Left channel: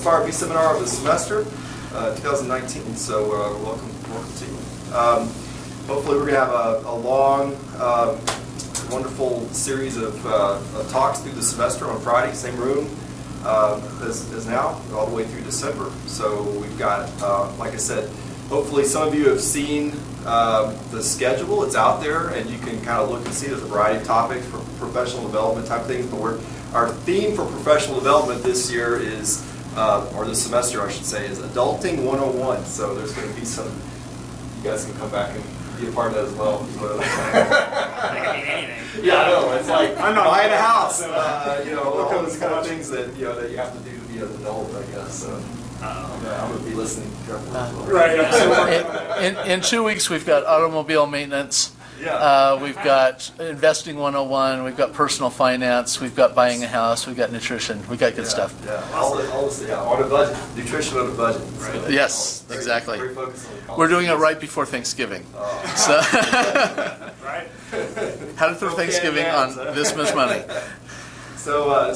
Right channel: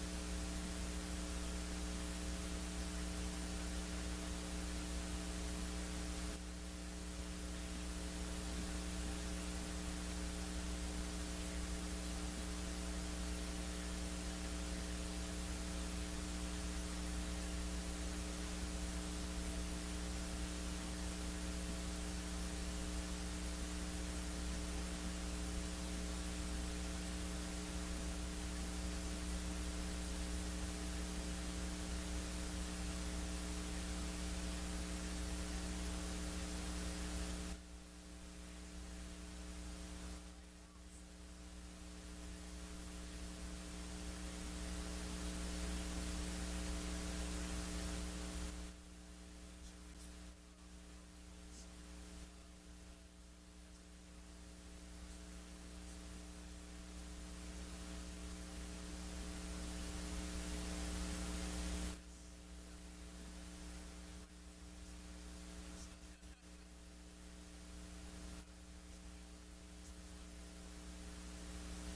first Harvey Seminar of the semester, 2019. So welcome to you. Hopefully we're going to have a long, wonderful series of talks through the semester on Friday, same room as now, all the way through December. So we've got, like I said, hopefully some of you have seen the schedule. It's out there, and you can kind of look and see there's a variety of topics for professional development type things. But our theme for professional development this year is, or this semester I should say, is Adulting 101. So there's going to be some, you guys can come back and be a part of that as well. That could mean anything. Yeah, I know. It's like I'm not buying a house, and all those kind of things that that you have to do to be an adult, I guess. So. I'm going to be listening carefully as well. Right. In 2 weeks, we've got automobile maintenance. Yeah. We've got investing 101. We've got personal finance. We've got buying a house. We've got nutrition. We've got good stuff. Yeah, all this, on a budget. Nutrition on a budget. Right. So, Yes, exactly. Very focused on the college. We're doing it right before Thanksgiving. Oh. So Right. how to throw Thanksgiving on this much money. So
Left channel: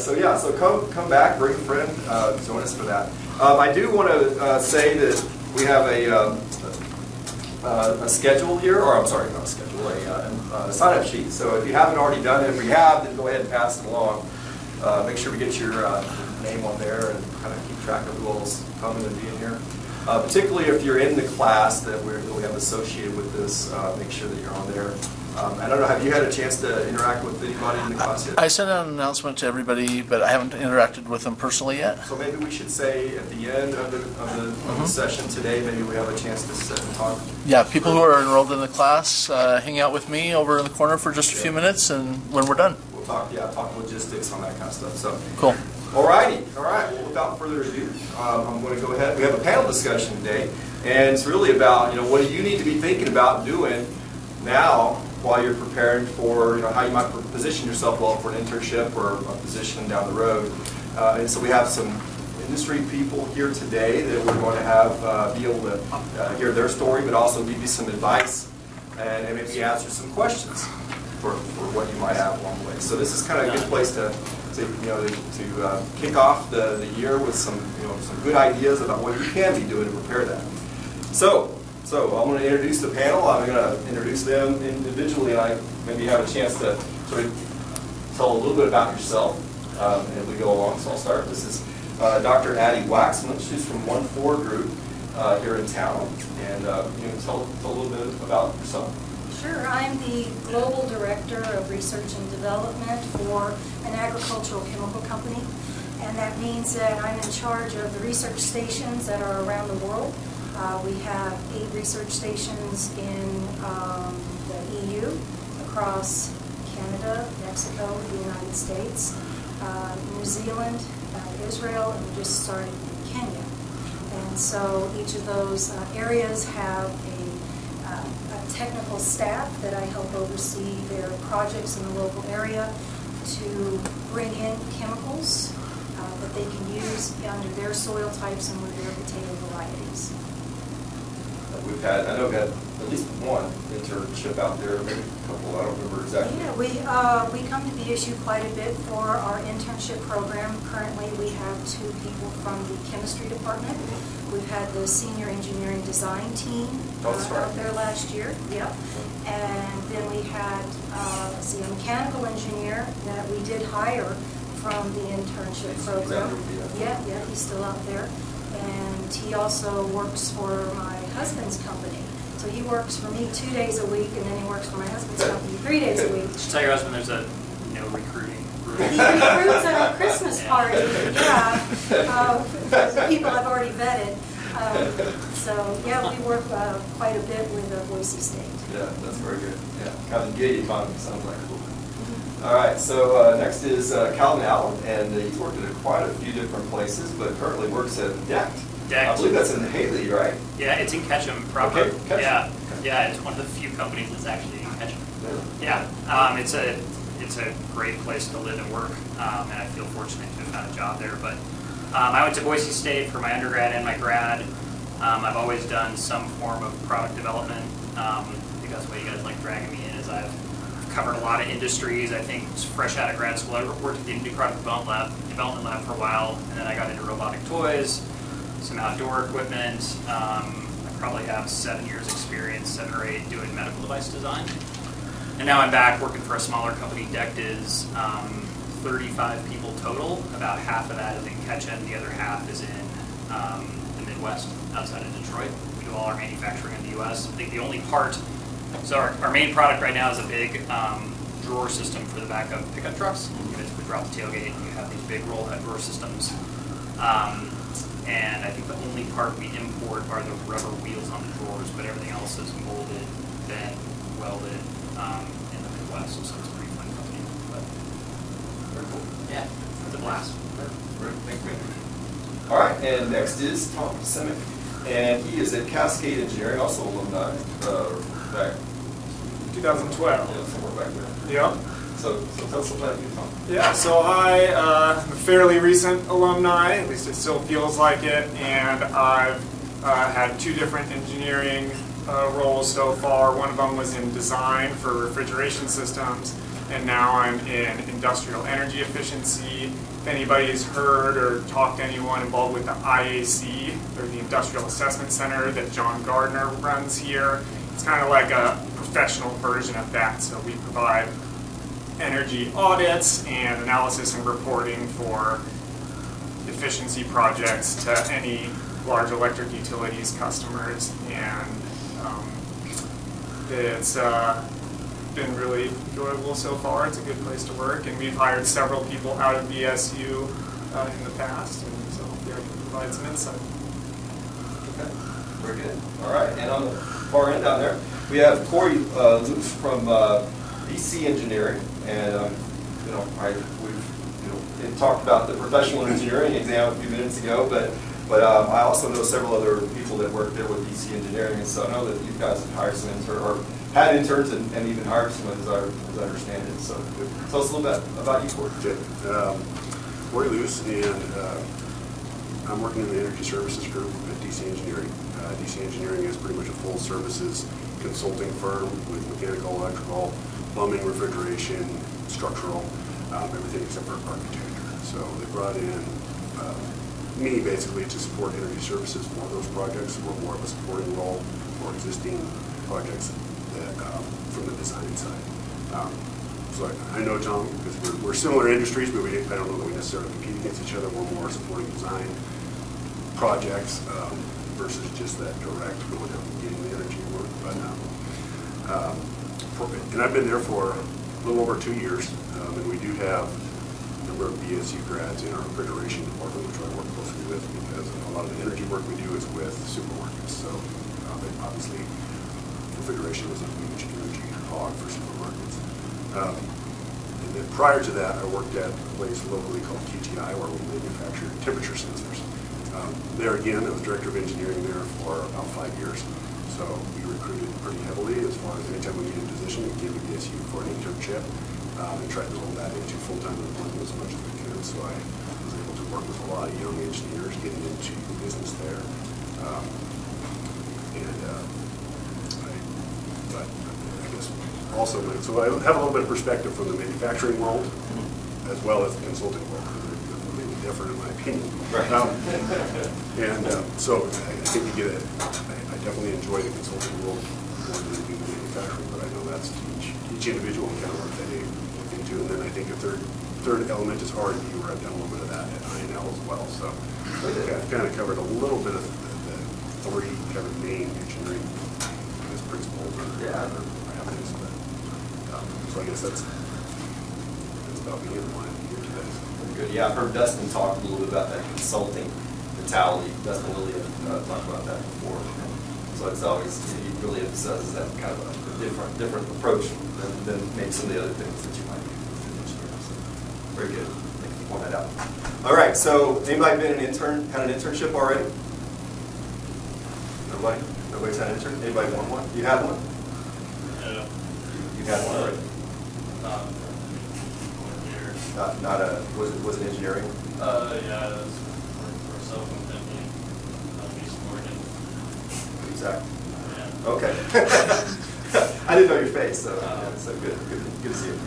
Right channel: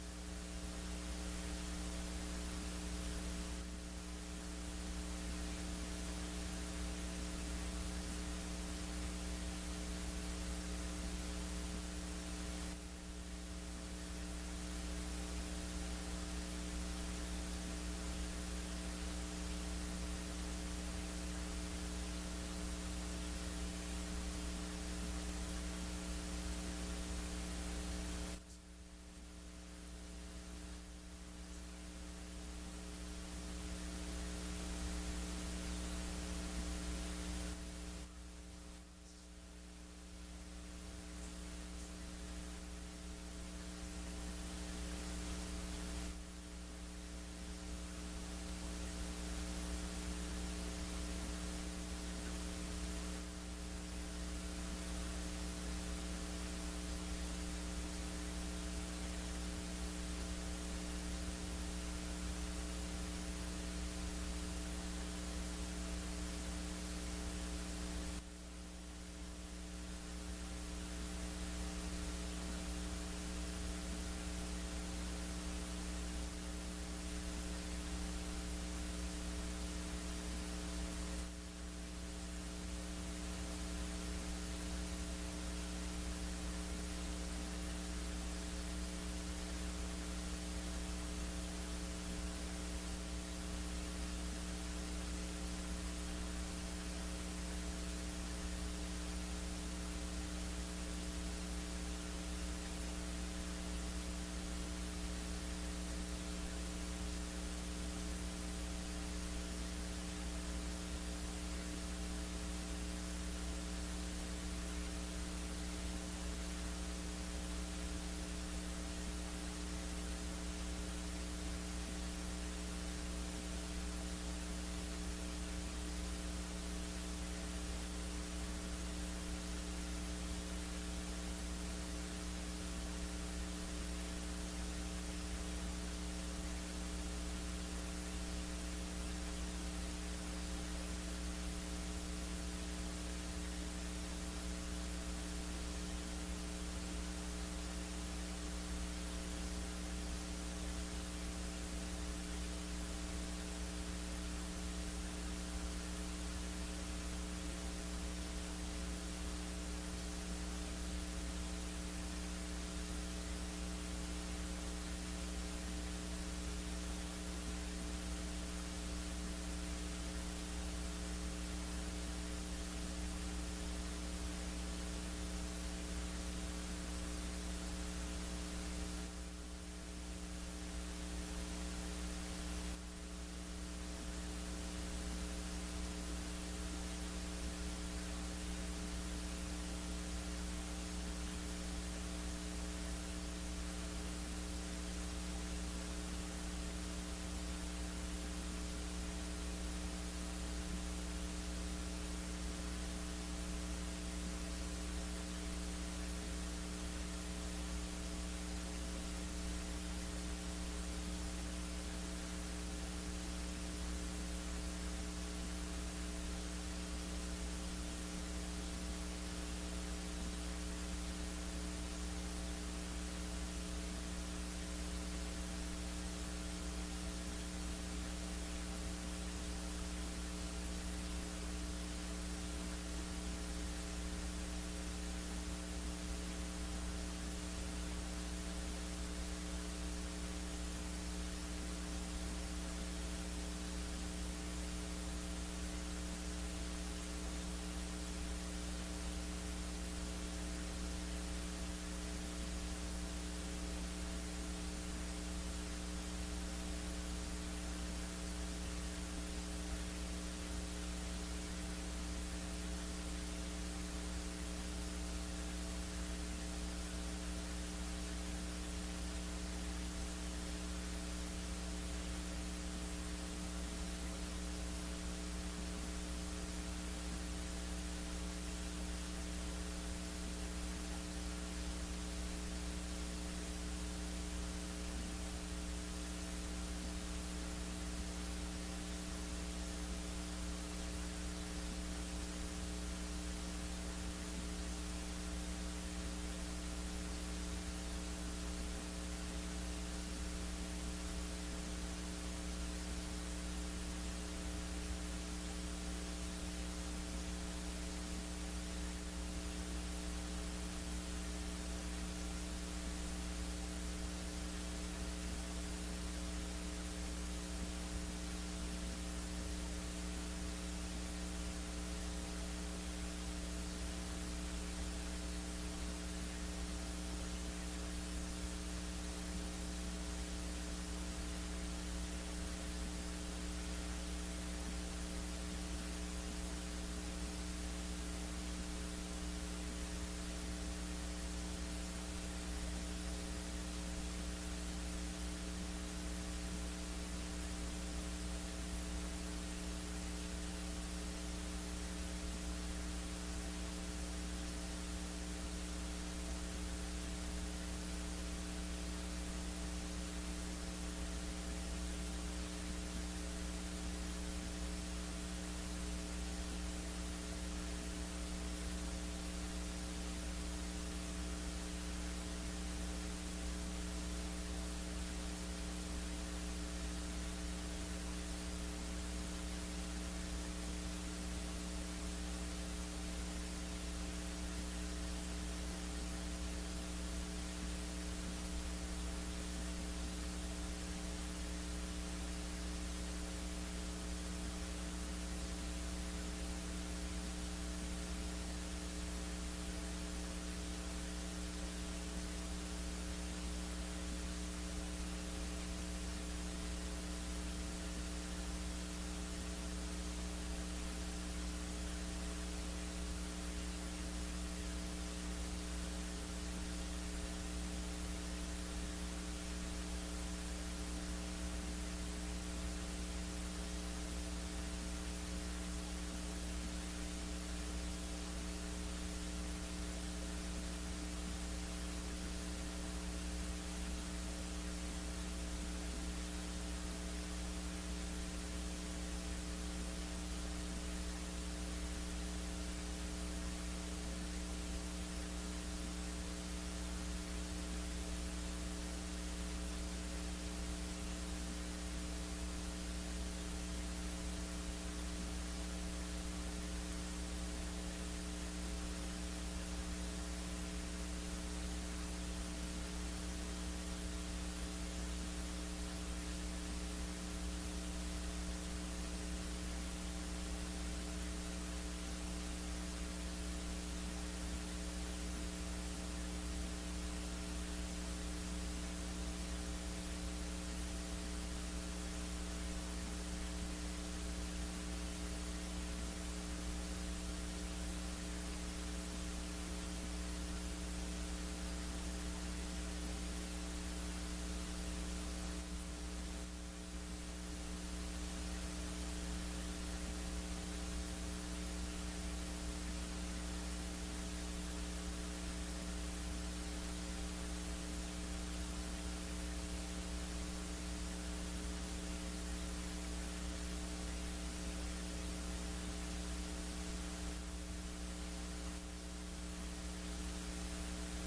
come back, bring a friend, join us for that. I do want to say that we have a schedule here, or I'm sorry, not a schedule, a sign-up sheet. So if you haven't already done it, if you have, then go ahead and pass it along. Make sure we get your name on there and kind of keep track of who all's coming and being here. Particularly if you're in the class that we have associated with this, make sure that you're on there. I don't know, have you had a chance to interact with anybody in the class yet? I sent out an announcement to everybody, but I haven't interacted with them personally yet. So maybe we should say at the end of the session today, maybe we have a chance to sit and talk. Yeah, people who are enrolled in the class, hang out with me over in the corner for just a few minutes, and when we're done. We'll talk logistics on that kind of stuff. So Cool. all right. Well, without further ado, I'm going to go ahead. We have a panel discussion today, and it's really about what do you need to be thinking about doing now while you're preparing for how you might position yourself well for an internship or a position down the road. And so we have some industry people here today that we're going to have be able to hear their story, but also give you some advice and maybe answer some questions for what you might have along the way. So this is kind of a good place to kick off the year with some good ideas about what you can be doing to prepare that. So I'm going to introduce the panel. I'm going to introduce them individually, and I maybe have a chance to sort of tell a little bit about yourself as we go along. So I'll start. This is Dr. Addie Waxman. She's from 1-4 group here in town, and you can tell a little bit about yourself. Sure. I'm the Global Director of Research and Development for an agricultural chemical company, and that means that I'm in charge of the research stations that are around the world. We have 8 research stations in the EU, across Canada, Mexico, the United States, New Zealand, Israel, and we just started in Kenya. And so each of those areas have a technical staff that I help oversee their projects in the local area to bring in chemicals that they can use under their soil types and with their potato varieties. I know we've had at least one internship out there, maybe a couple, I don't remember exactly. Yeah, we come to BSU quite a bit for our internship program. Currently, we have 2 people from the chemistry department. We've had the senior engineering design team out there last year. Yep. And then we had a mechanical engineer that we did hire from the internship program. Yeah, he's still out there. And he also works for my husband's company. So he works for me 2 days a week, and then he works for my husband's company 3 days a week. Just tell your husband there's no recruiting. He recruits at our Christmas party, yeah, the people I've already vetted. We work quite a bit with Boise State. Yeah, that's very good. Yeah, kind of gig economy sounds like cool. All right, so next is Calvin Allen, and he's worked at quite a few different places, but currently works at DECT. DECT. I believe that's in Haley, right? Yeah, it's in Ketchum proper. Okay, Ketchum. Yeah, it's one of the few companies that's actually in Ketchum. Yeah, it's a great place to live and work, and I feel fortunate to have found a job there. But I went to Boise State for my undergrad and my grad. I've always done some form of product development. I think that's why you guys like dragging me in, is I've covered a lot of industries. I think fresh out of grad school, I worked at the New Product Development Lab for a while, and then I got into robotic toys, some outdoor equipment. I probably have 7 years experience, 7 or 8, doing medical device design. And now I'm back working for a smaller company. DECT is 35 people total. About half of that is in Ketchum. The other half is in the Midwest, outside of Detroit. We do all our manufacturing in the U.S. I think the only part, so our main product right now is a big drawer system for the back of pickup trucks. You basically drop the tailgate and you have these big roll head drawer systems. And I think the only part we import are the rubber wheels on the drawers, but everything else is molded, bent, welded in the Midwest. So it's a pretty fun company. But Very cool. yeah, it's a blast. Great, thank you. All right, and next is Tom Seminar, and he is at Cascade Engineering, also alumni, back 2012. somewhere back there. Yep. So tell us about you, Tom. Yeah, so I am a fairly recent alumni, at least it still feels like it, and I've had 2 different engineering roles so far. One of them was in design for refrigeration systems, and now I'm in industrial energy efficiency. If anybody's heard or talked to anyone involved with the IAC, or the Industrial Assessment Center that John Gardner runs here, it's kind of like a professional version of that. So we provide energy audits and analysis and reporting for efficiency projects to any large electric utilities customers, and it's been really enjoyable so far. It's a good place to work, and we've hired several people out of BSU in the past, and so hopefully I can provide some insight. Okay, very good. All right, and on the far end down there, we have Corey Luce from DC Engineering, and we've talked about the professional engineering exam a few minutes ago, but I also know several other people that work there with DC Engineering, and so I know that you guys have hired some had interns and even hired some, as I understand it. So tell us a little bit about you, Corey. Corey Luce, and I'm working in the energy services group at DC Engineering. DC Engineering is pretty much a full services consulting firm with mechanical, electrical, plumbing, refrigeration, structural, everything except for architecture. So they brought in me basically to support energy services for those projects. We're more of a supporting role for existing projects that, from the design side. So I know John because we're similar industries, but I don't know that we necessarily compete against each other. We're more supporting design projects versus just that direct going out and getting the energy work. But and I've been there for a little over 2 years, and we do have a number of BSU grads in our refrigeration department, which I work closely with because a lot of the energy work we do is with supermarkets. So obviously, refrigeration is a huge energy hog for supermarkets. And then prior to that, I worked at a place locally called QTI, where we manufactured temperature sensors. There again, I was director of engineering there for about 5 years. So we recruited pretty heavily as far as anytime we needed a position, we came to BSU for an internship and tried to roll that into full-time employment as much as we could. So I was able to work with a lot of young engineers getting into the business there. But I guess also, so I have a little bit of perspective from the manufacturing world as well as the consulting world. They're completely different in my opinion. Right. So I think you get it. I definitely enjoy the consulting world more than I do the manufacturing, but I know that's each individual kind of work that they look into. And then I think a third element is R&D, where I've done a little bit of that at INL as well. So I've kind of covered a little bit of the 3 kind of main engineering principles or avenues. So I guess that's about me and why I'm here today. Very good. Yeah, I've heard Dustin talk a little bit about that consulting mentality. Dustin Lilly talked about that before. So it's always, he really emphasizes that kind of a different approach than maybe some of the other things that you might do. So, very good. Thank you for pointing that out. All right, so anybody been an internship already? Nobody? Nobody's had an intern? Anybody want one? You had one? Yeah. You had one already? 1 year. Not a, was it engineering? Yeah, it was for a cell phone company, East Oregon. Exactly. Yeah. Okay. I didn't know your face, so good to see you.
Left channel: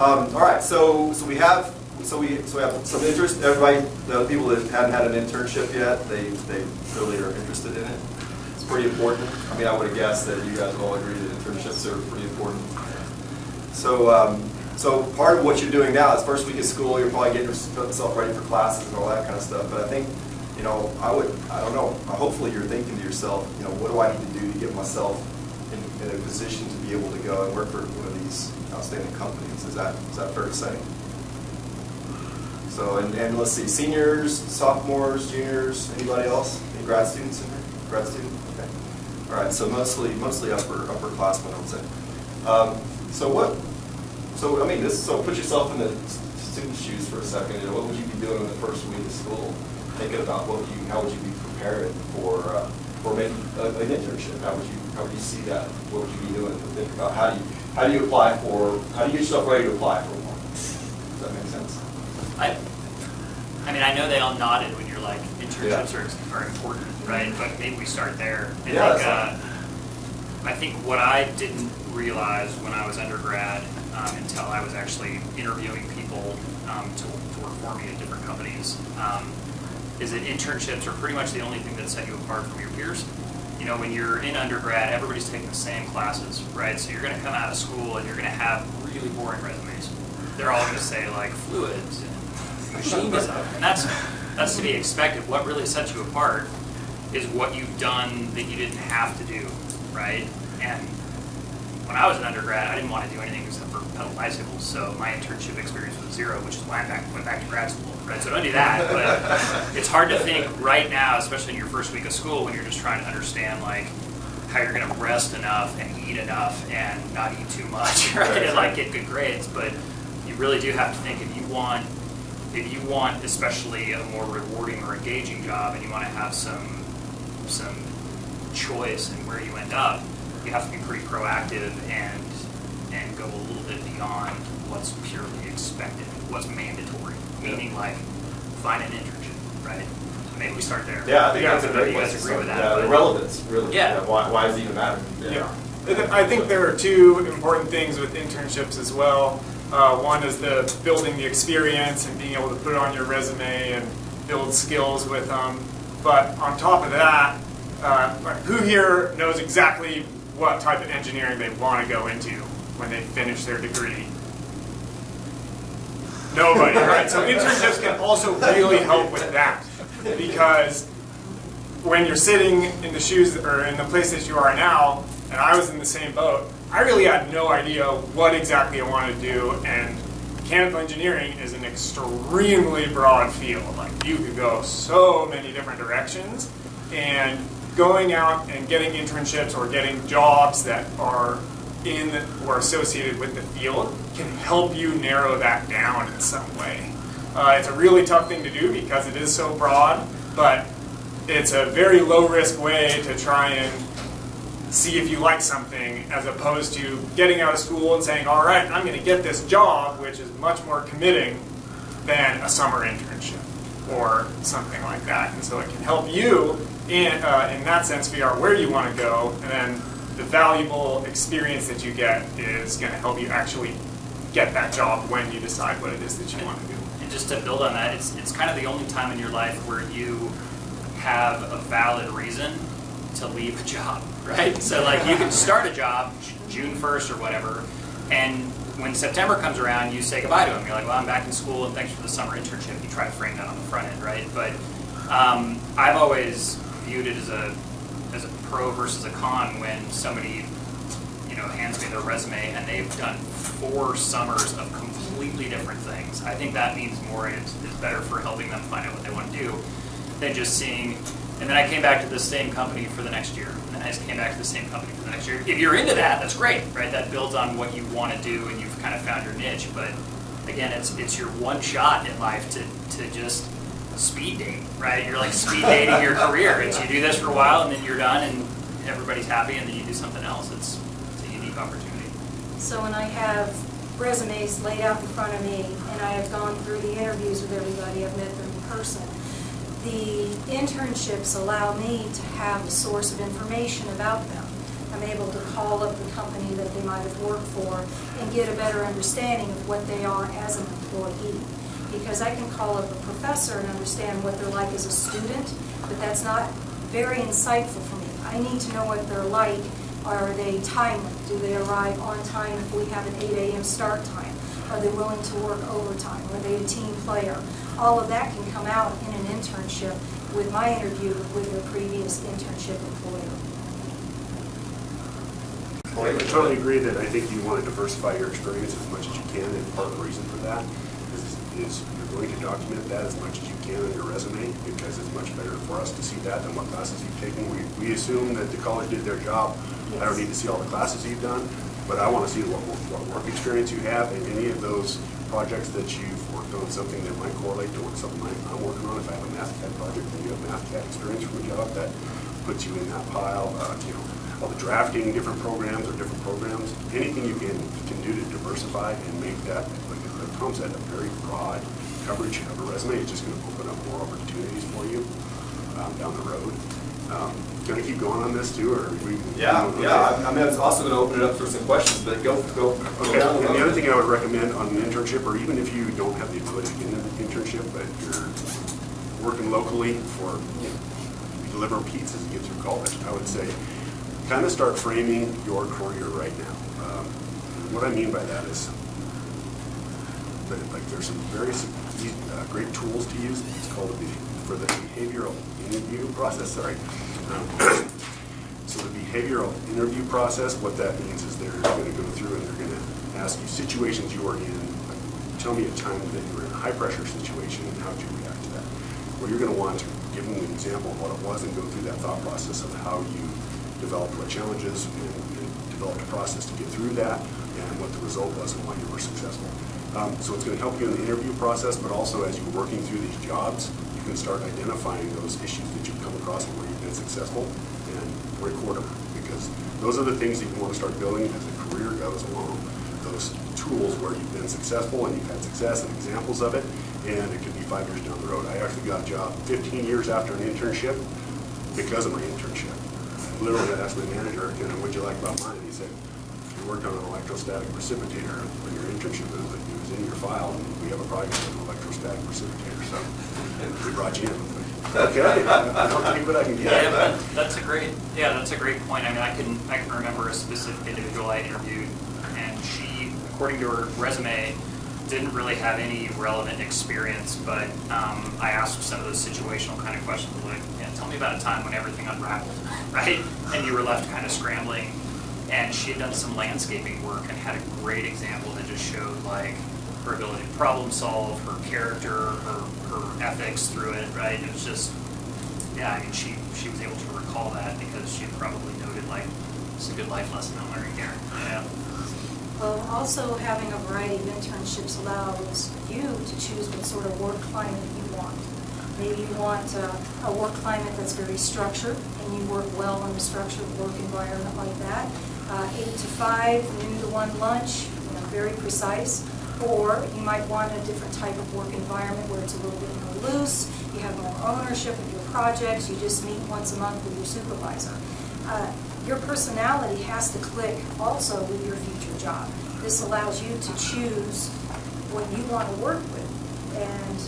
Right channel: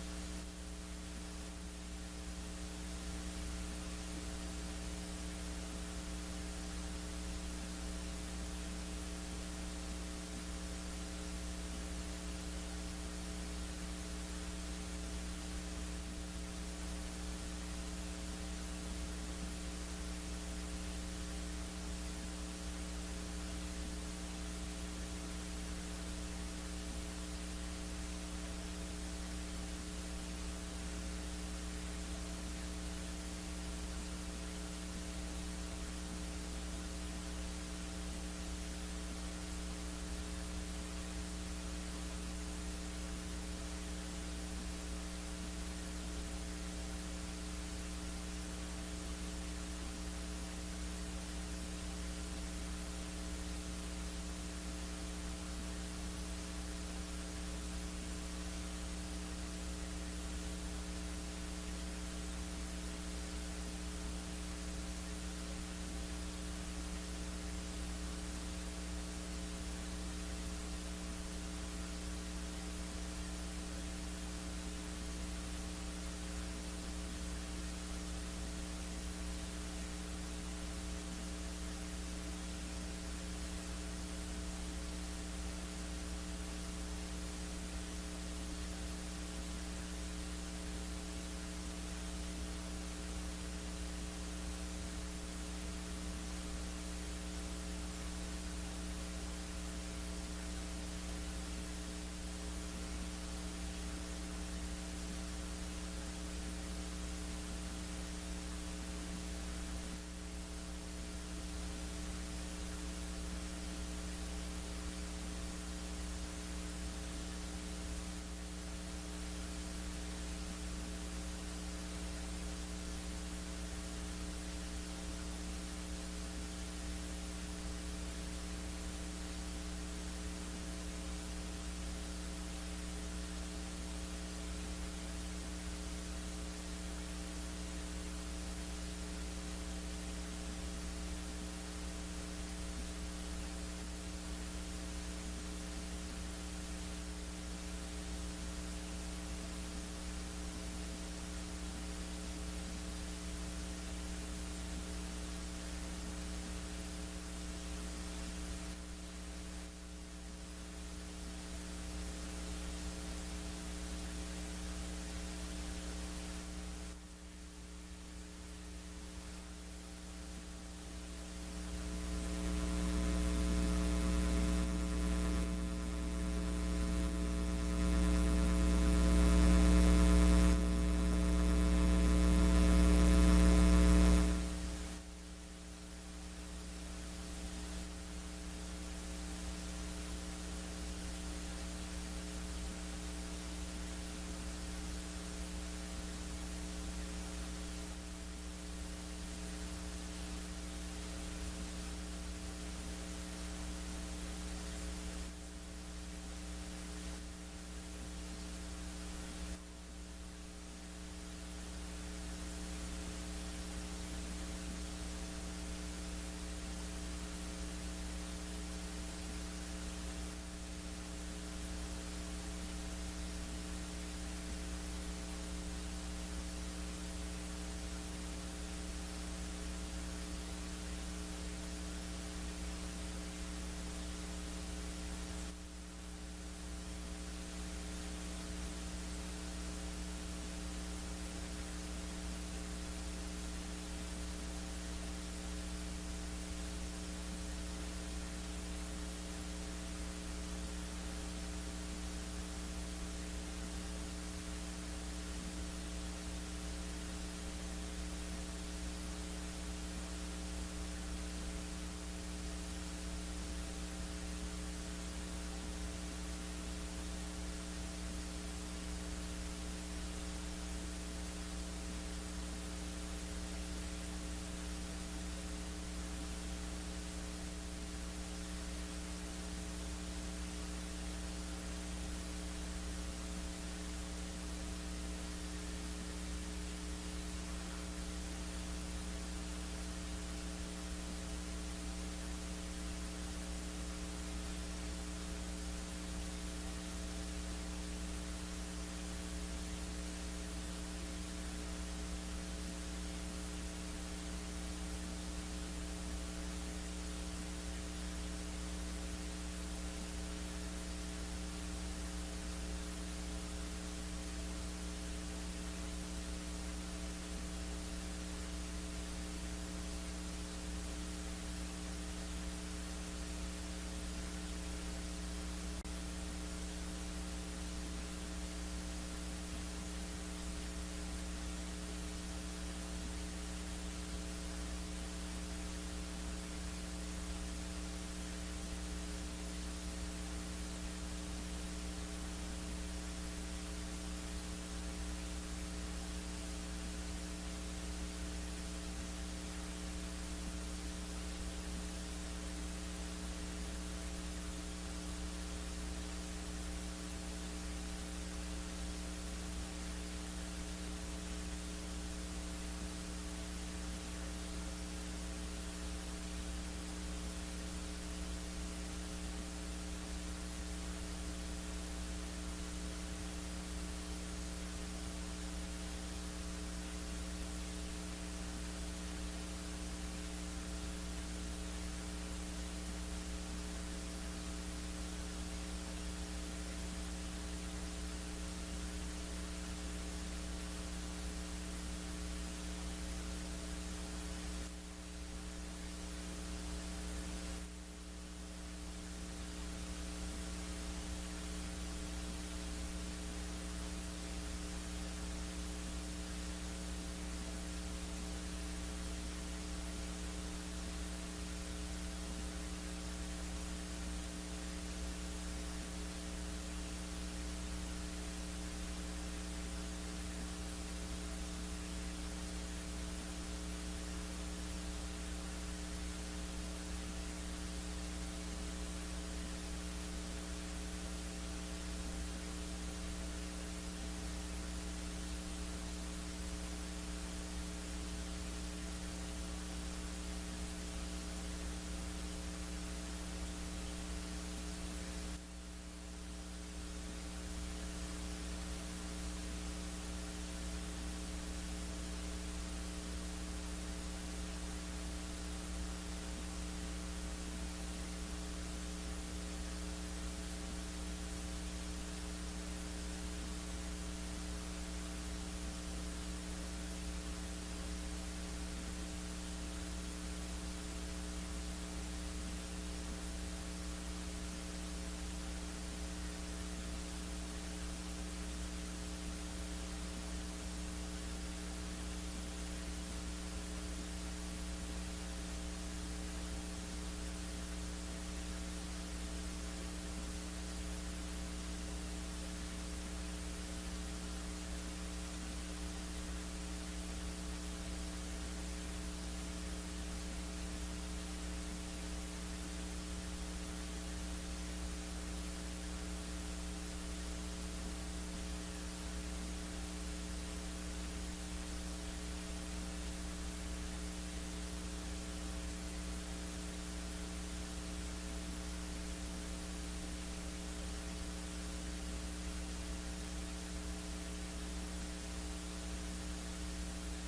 All right, so we have some interest. Everybody, the people that haven't had an internship yet, they really are interested in it. It's pretty important. I mean, I would have guessed that you guys all agree that internships are pretty important. So part of what you're doing now is first week of school, you're probably getting yourself ready for classes and all that kind of stuff. But I think, I don't know, hopefully you're thinking to yourself, what do I need to do to get myself in a position to be able to go and work for one of these outstanding companies? Is that fair to say? So, and let's see, seniors, sophomores, juniors, anybody else? Any grad students in here? Grad student? Okay. All right, so mostly upperclassmen, I would say. So put yourself in the student's shoes for a second. What would you be doing in the first week of school? Thinking about how would you be preparing for maybe an internship? How would you see that? What would you be doing? Think about how do you get yourself ready to apply for one? Does that make sense? I mean, I know they all nodded when you're like, internships are important, right? But maybe we start there. I think what I didn't realize when I was undergrad until I was actually interviewing people to work for me at different companies is that internships are pretty much the only thing that set you apart from your peers. When you're in undergrad, everybody's taking the same classes, right? So you're going to come out of school and you're going to have really boring resumes. They're all going to say like fluids and machinism, and that's to be expected. What really sets you apart is what you've done that you didn't have to do, right? And when I was an undergrad, I didn't want to do anything except for pedal bicycles, so my internship experience was zero, which is why I went back to grad school, right? So don't do that, but it's hard to think right now, especially in your first week of school, when you're just trying to understand like how you're going to rest enough and eat enough and not eat too much, right? And like get good grades, but you really do have to think if you want especially a more rewarding or engaging job, and you want to have some choice in where you end up, you have to be pretty proactive and go a little bit beyond what's purely expected, what's mandatory. Meaning like find an internship, right? Maybe we start there. Yeah, I think that's a maybe great you place guys to agree start. with that. Yeah, the relevance, really. Yeah. Why does it even matter? Yeah. I think there are two important things with internships as well. One is the building the experience and being able to put it on your resume and build skills with them. But on top of that, who here knows exactly what type of engineering they want to go into when they finish their degree? Nobody, right? So internships can also really help with that, because when you're sitting in the shoes or in the place that you are now, and I was in the same boat, I really had no idea what exactly I wanted to do, and mechanical engineering is an extremely broad field. Like, you could go so many different directions, and going out and getting internships or getting jobs that are in or associated with the field can help you narrow that down in some way. It's a really tough thing to do because it is so broad, but it's a very low-risk way to try and see if you like something, as opposed to getting out of school and saying, all right, I'm going to get this job, which is much more committing than a summer internship or something like that. And so it can help you in that sense figure out where you want to go, and then the valuable experience that you get is going to help you actually get that job when you decide what it is that you want to do. And just to build on that, it's kind of the only time in your life where you have a valid reason to leave a job, right? So like you can start a job June 1st or whatever, and when September comes around, you say goodbye to them. You're like, well, I'm back in school and thanks for the summer internship. You try to frame that on the front end, right? But I've always viewed it as a pro versus a con when somebody, hands me their resume and they've done 4 summers of completely different things. I think that means more, and it's better for helping them find out what they want to do than just seeing, and then I came back to the same company for the next year, and then I came back to the same company for the next year. If you're into that, that's great, right? That builds on what you want to do and you've kind of found your niche, but again, it's your one shot in life to just speed date, right? You're like speed dating your career. It's you do this for a while and then you're done and everybody's happy, and then you do something else. It's a unique opportunity. So when I have resumes laid out in front of me and I have gone through the interviews with everybody, I've met them in person, the internships allow me to have a source of information about them. I'm able to call up the company that they might have worked for and get a better understanding of what they are as an employee. Because I can call up a professor and understand what they're like as a student, but that's not very insightful for me. I need to know what they're like. Are they timely? Do they arrive on time if we have an 8 a.m. start time? Are they willing to work overtime? Are they a team player? All of that can come out in an internship with my interview with their previous internship employer. I totally agree that I think you want to diversify your experience as much as you can, and part of the reason for that is you're going to document that as much as you can on your resume, because it's much better for us to see that than what classes you've taken. We assume that the college did their job. I don't need to see all the classes you've done, but I want to see what work experience you have, and any of those projects that you've worked on something that might correlate to what something I'm working on. If I have a math CAD project and you have math CAD experience from a job, that puts you in that pile. All the drafting, different programs or different programs, anything you can do to diversify and make that, like Tom said, a very broad coverage of a resume. It's just going to open up more opportunities for you down the road. Can I keep going on this too, or we? Yeah. I mean, I was also going to open it up for some questions, but go. Okay. And the other thing I would recommend on an internship, or even if you don't have the ability to get an internship, but you're working locally for, you deliver pizzas and get through college, I would say, kind of start framing your career right now. What I mean by that is that there's some very great tools to use. It's called for the behavioral interview process. Sorry. So the behavioral interview process, what that means is they're going to go through and they're going to ask you situations you are in. Tell me a time that you were in a high pressure situation and how did you react to that. Well, you're going to want to give them an example of what it was and go through that thought process of how you developed what challenges and developed a process to get through that and what the result was and why you were successful. So it's going to help you in the interview process, but also as you're working through these jobs, you can start identifying those issues that you've come across and where you've been successful and record them, because those are the things that you want to start building as the career goes along. Those tools where you've been successful and you've had success and examples of it, and it could be 5 years down the road. I actually got a job 15 years after an internship because of my internship. Literally, I asked my manager, what'd you like about mine? And he said, you worked on an electrostatic precipitator when your internship was in your file, and we have a project on an electrostatic precipitator, so we brought you in. Okay, I'll see what I can get. Yeah, that's a great point. I mean, I can remember a specific individual I interviewed, and she, according to her resume, didn't really have any relevant experience, but I asked some of those situational kind of questions, like, tell me about a time when everything unraveled, right? And you were left kind of scrambling. And she had done some landscaping work and had a great example that just showed like her ability to problem solve, her character, her ethics through it, right? It was just, yeah, I mean, she was able to recall that because she had probably noted like, it's a good life lesson I'm learning here. Yeah. Well, also having a variety of internships allows you to choose what sort of work climate you want. Maybe you want a work climate that's very structured and you work well in a structured work environment like that. 8 to 5, noon to 1 lunch, very precise. Or you might want a different type of work environment where it's a little bit more loose, you have more ownership of your projects, you just meet once a month with your supervisor. Your personality has to click also with your future job. This allows you to choose what you want to work with. And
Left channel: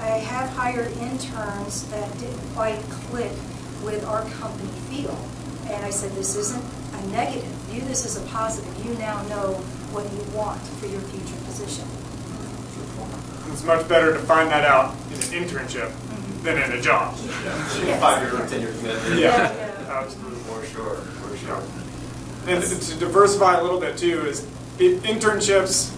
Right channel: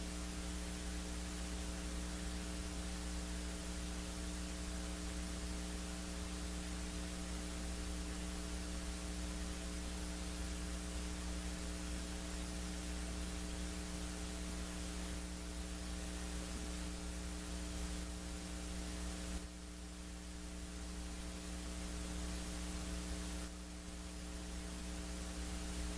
I have hired interns that didn't quite click with our company feel. And I said, this isn't a negative. View this as a positive. You now know what you want for your future position. It's much better to find that out in an internship than in a job. Yeah. 5-year or 10-year commitment. Yeah. Absolutely. For sure. And to diversify a little bit too, is internships,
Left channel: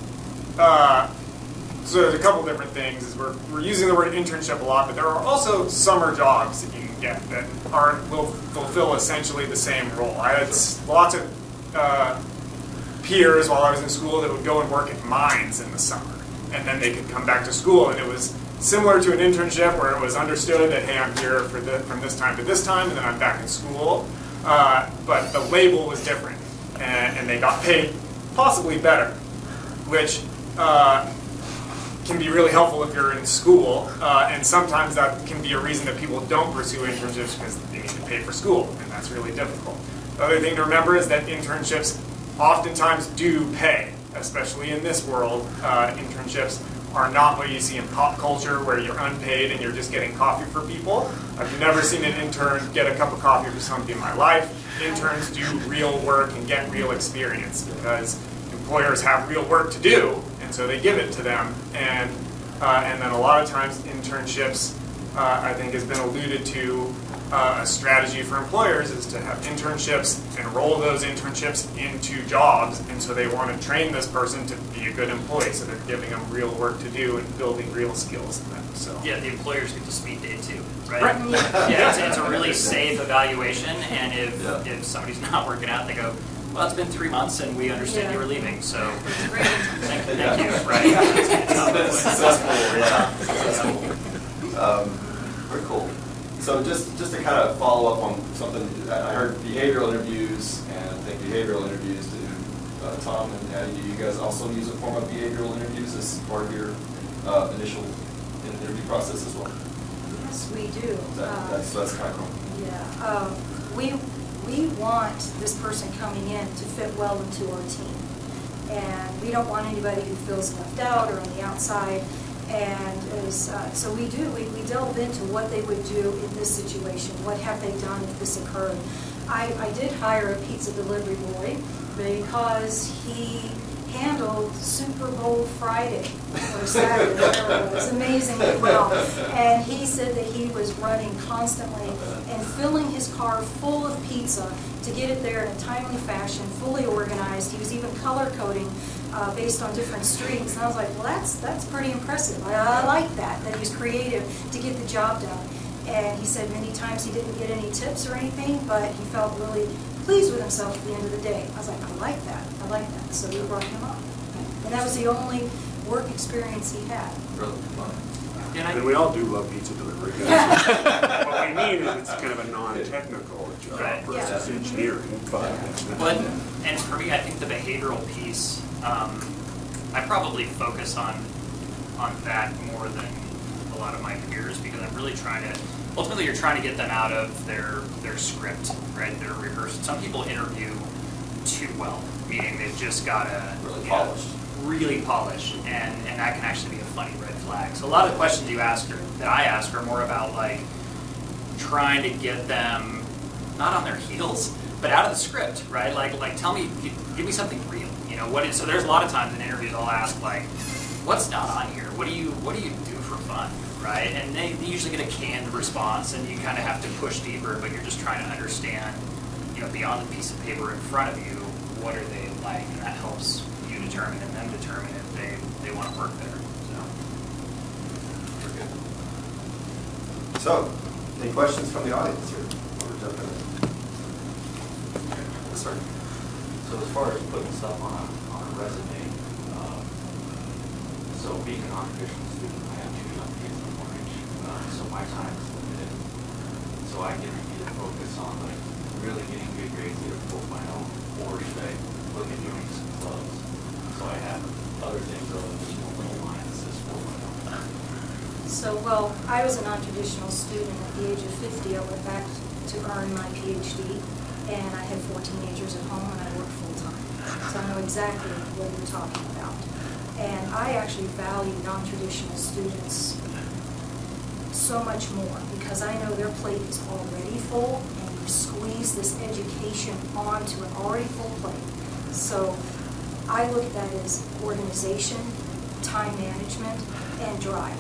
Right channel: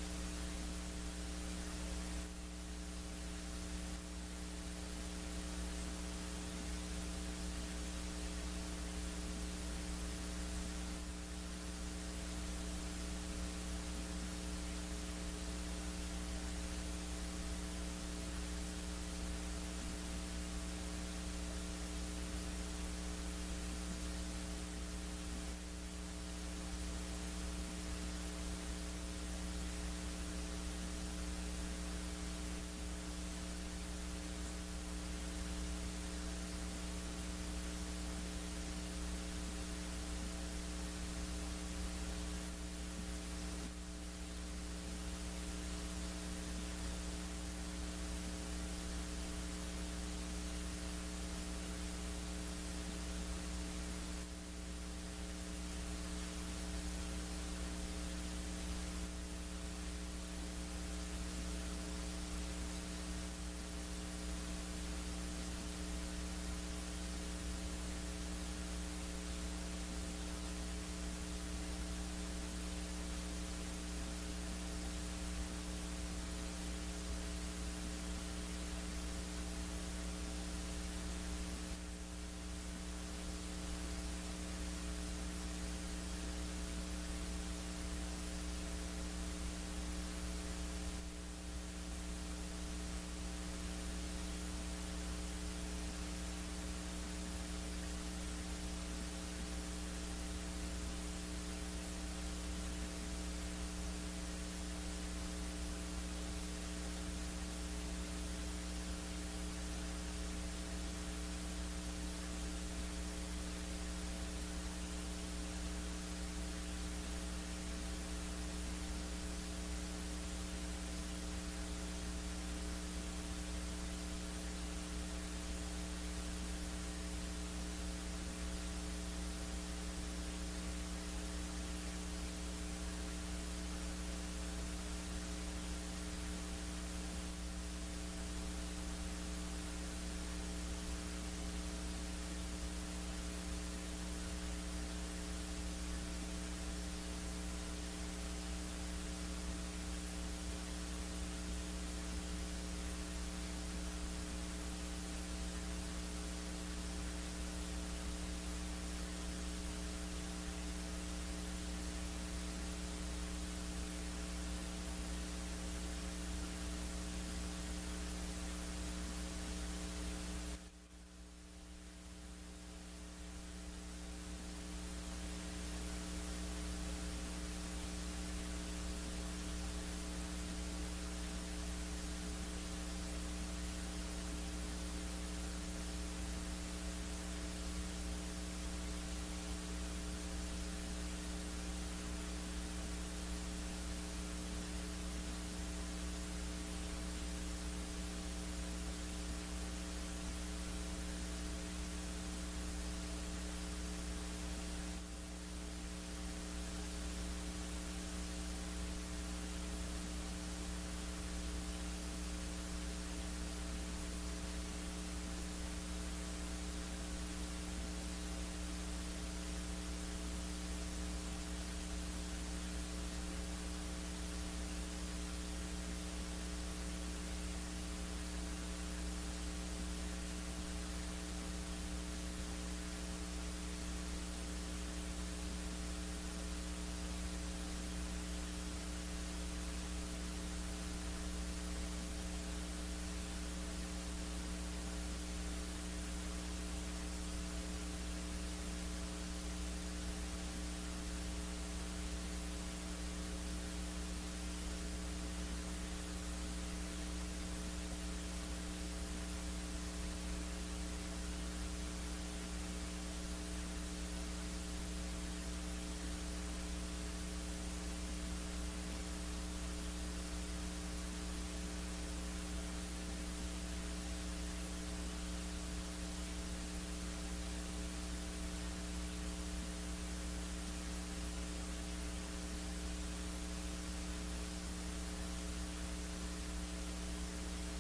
so there's a couple different things. Is we're using the word internship a lot, but there are also summer jobs that you can get that will fulfill essentially the same role. I had lots of peers while I was in school that would go and work at mines in the summer, and then they could come back to school, and it was similar to an internship where it was understood that, hey, I'm here from this time to this time, and then I'm back in school. But the label was different, and they got paid possibly better, which can be really helpful if you're in school, and sometimes that can be a reason that people don't pursue internships because they need to pay for school, and that's really difficult. Other thing to remember is that internships oftentimes do pay, especially in this world. Internships are not what you see in pop culture where you're unpaid and you're just getting coffee for people. I've never seen an intern get a cup of coffee for somebody in my life. Interns do real work and get real experience because employers have real work to do, and so they give it to them. And then a lot of times internships, I think has been alluded to, a strategy for employers is to have internships and roll those internships into jobs, and so they want to train this person to be a good employee, so they're giving them real work to do and building real skills in them. So Yeah, the employers get to speed date too, right? Right. Yeah, it's a really safe evaluation, and if somebody's not working out, they go, well, it's been 3 months and we understand you were leaving, so thank you, right? It's been successful, yeah. Successful. Very cool. So just to kind of follow up on something, I heard behavioral interviews, and I think behavioral interviews do, Tom and Addie, do you guys also use a form of behavioral interviews as part of your initial interview process as well? Yes, we do. That's kind of cool. Yeah, we want this person coming in to fit well into our team. And we don't want anybody who feels left out or on the outside. And so we delve into what they would do in this situation. What have they done if this occurred? I did hire a pizza delivery boy because he handled Super Bowl Friday or Saturday, whatever it was, amazingly well. And he said that he was running constantly and filling his car full of pizza to get it there in a timely fashion, fully organized. He was even color coding based on different streets. And I was like, well, that's pretty impressive. I like that he was creative to get the job done. And he said many times he didn't get any tips or anything, but he felt really pleased with himself at the end of the day. I was like, I like that. So we brought him on. And that was the only work experience he had. Really fun. And we all do love pizza delivery. What we mean is it's kind of a non-technical job Right. versus engineering, but. But, and for me, I think the behavioral piece, I probably focus on that more than a lot of my peers, because I'm really trying to, ultimately you're trying to get them out of their script, right, their rehearsal. Some people interview too well, meaning they've just got to really polished, and that can actually be a funny red flag. So a lot of the questions that I ask are more about like trying to get them not on their heels, but out of the script, right? Like tell me, give me something real. You know, so there's a lot of times in interviews I'll ask like, what's not on here? What do you do for fun, right? And they usually get a canned response, and you kind of have to push deeper, but you're just trying to understand, you know, beyond the piece of paper in front of you, what are they like, and that helps you determine and them determine if they want to work there. So, any questions from the audience here? We're jumping in. Yes, sir. So as far as putting stuff on a resume, so being a non-traditional student, I have two young kids in mortgage, so my time is limited. So I can either focus on like really getting good grades at a 4.0, or should I look at doing some clubs? So I have other things other than just one little line that says 4.0. So, well, I was a non-traditional student. At the age of 50, I went back to earn my PhD, and I had 4 teenagers at home, and I worked full-time. So I know exactly what you're talking about. And I actually value non-traditional students so much more, because I know their plate is already full, and you squeeze this education onto an already full plate. So I look at that as organization, time management, and drive.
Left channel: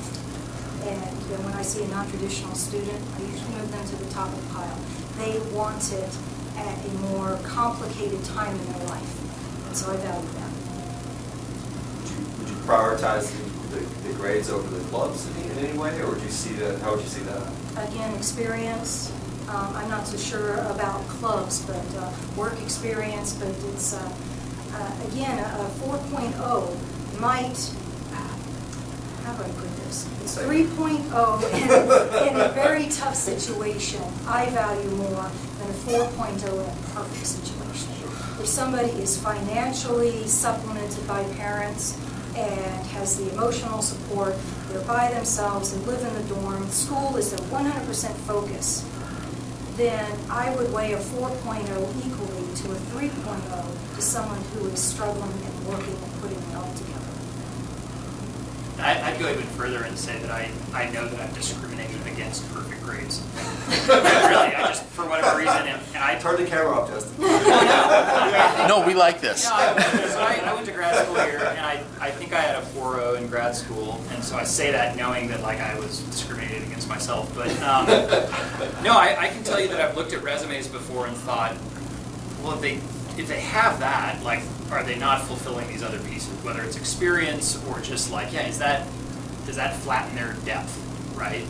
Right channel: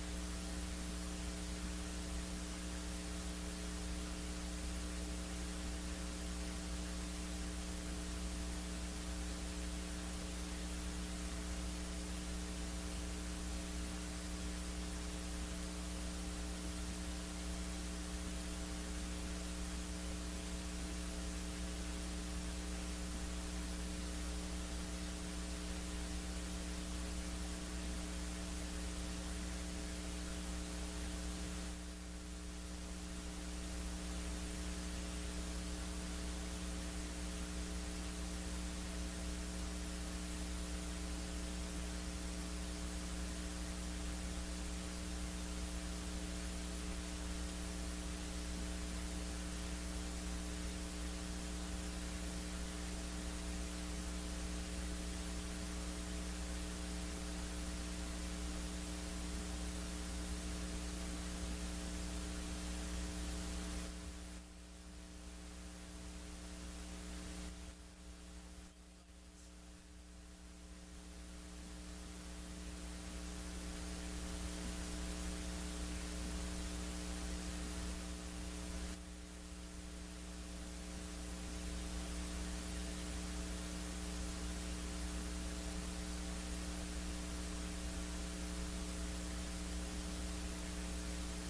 And then when I see a non-traditional student, I usually move them to the top of the pile. They want it at a more complicated time in their life, and so I value that. Would you prioritize the grades over the clubs in any way, or would you see that? How would you see that? Again, experience. I'm not so sure about clubs, but work experience. But it's again a 4.0 might. How do I put this? It's 3.0 in a very tough situation. I value more than a 4.0 in a perfect situation. If somebody is financially supplemented by parents and has the emotional support, they're by themselves, they live in the dorm, school is their 100% focus, then I would weigh a 4.0 equally to a 3.0 to someone who is struggling and working and putting it all together. I'd go even further and say that I know that I'm discriminating against perfect grades. Really, I just, for whatever reason, and I Turn the camera off, Justin. No, we like this. No, I went to grad school here, and I think I had a 4.0 in grad school, and so I say that knowing that like I was discriminated against myself. But no, I can tell you that I've looked at resumes before and thought, well, if they have that, like, are they not fulfilling these other pieces? Whether it's experience or just like, yeah, does that flatten their depth, right?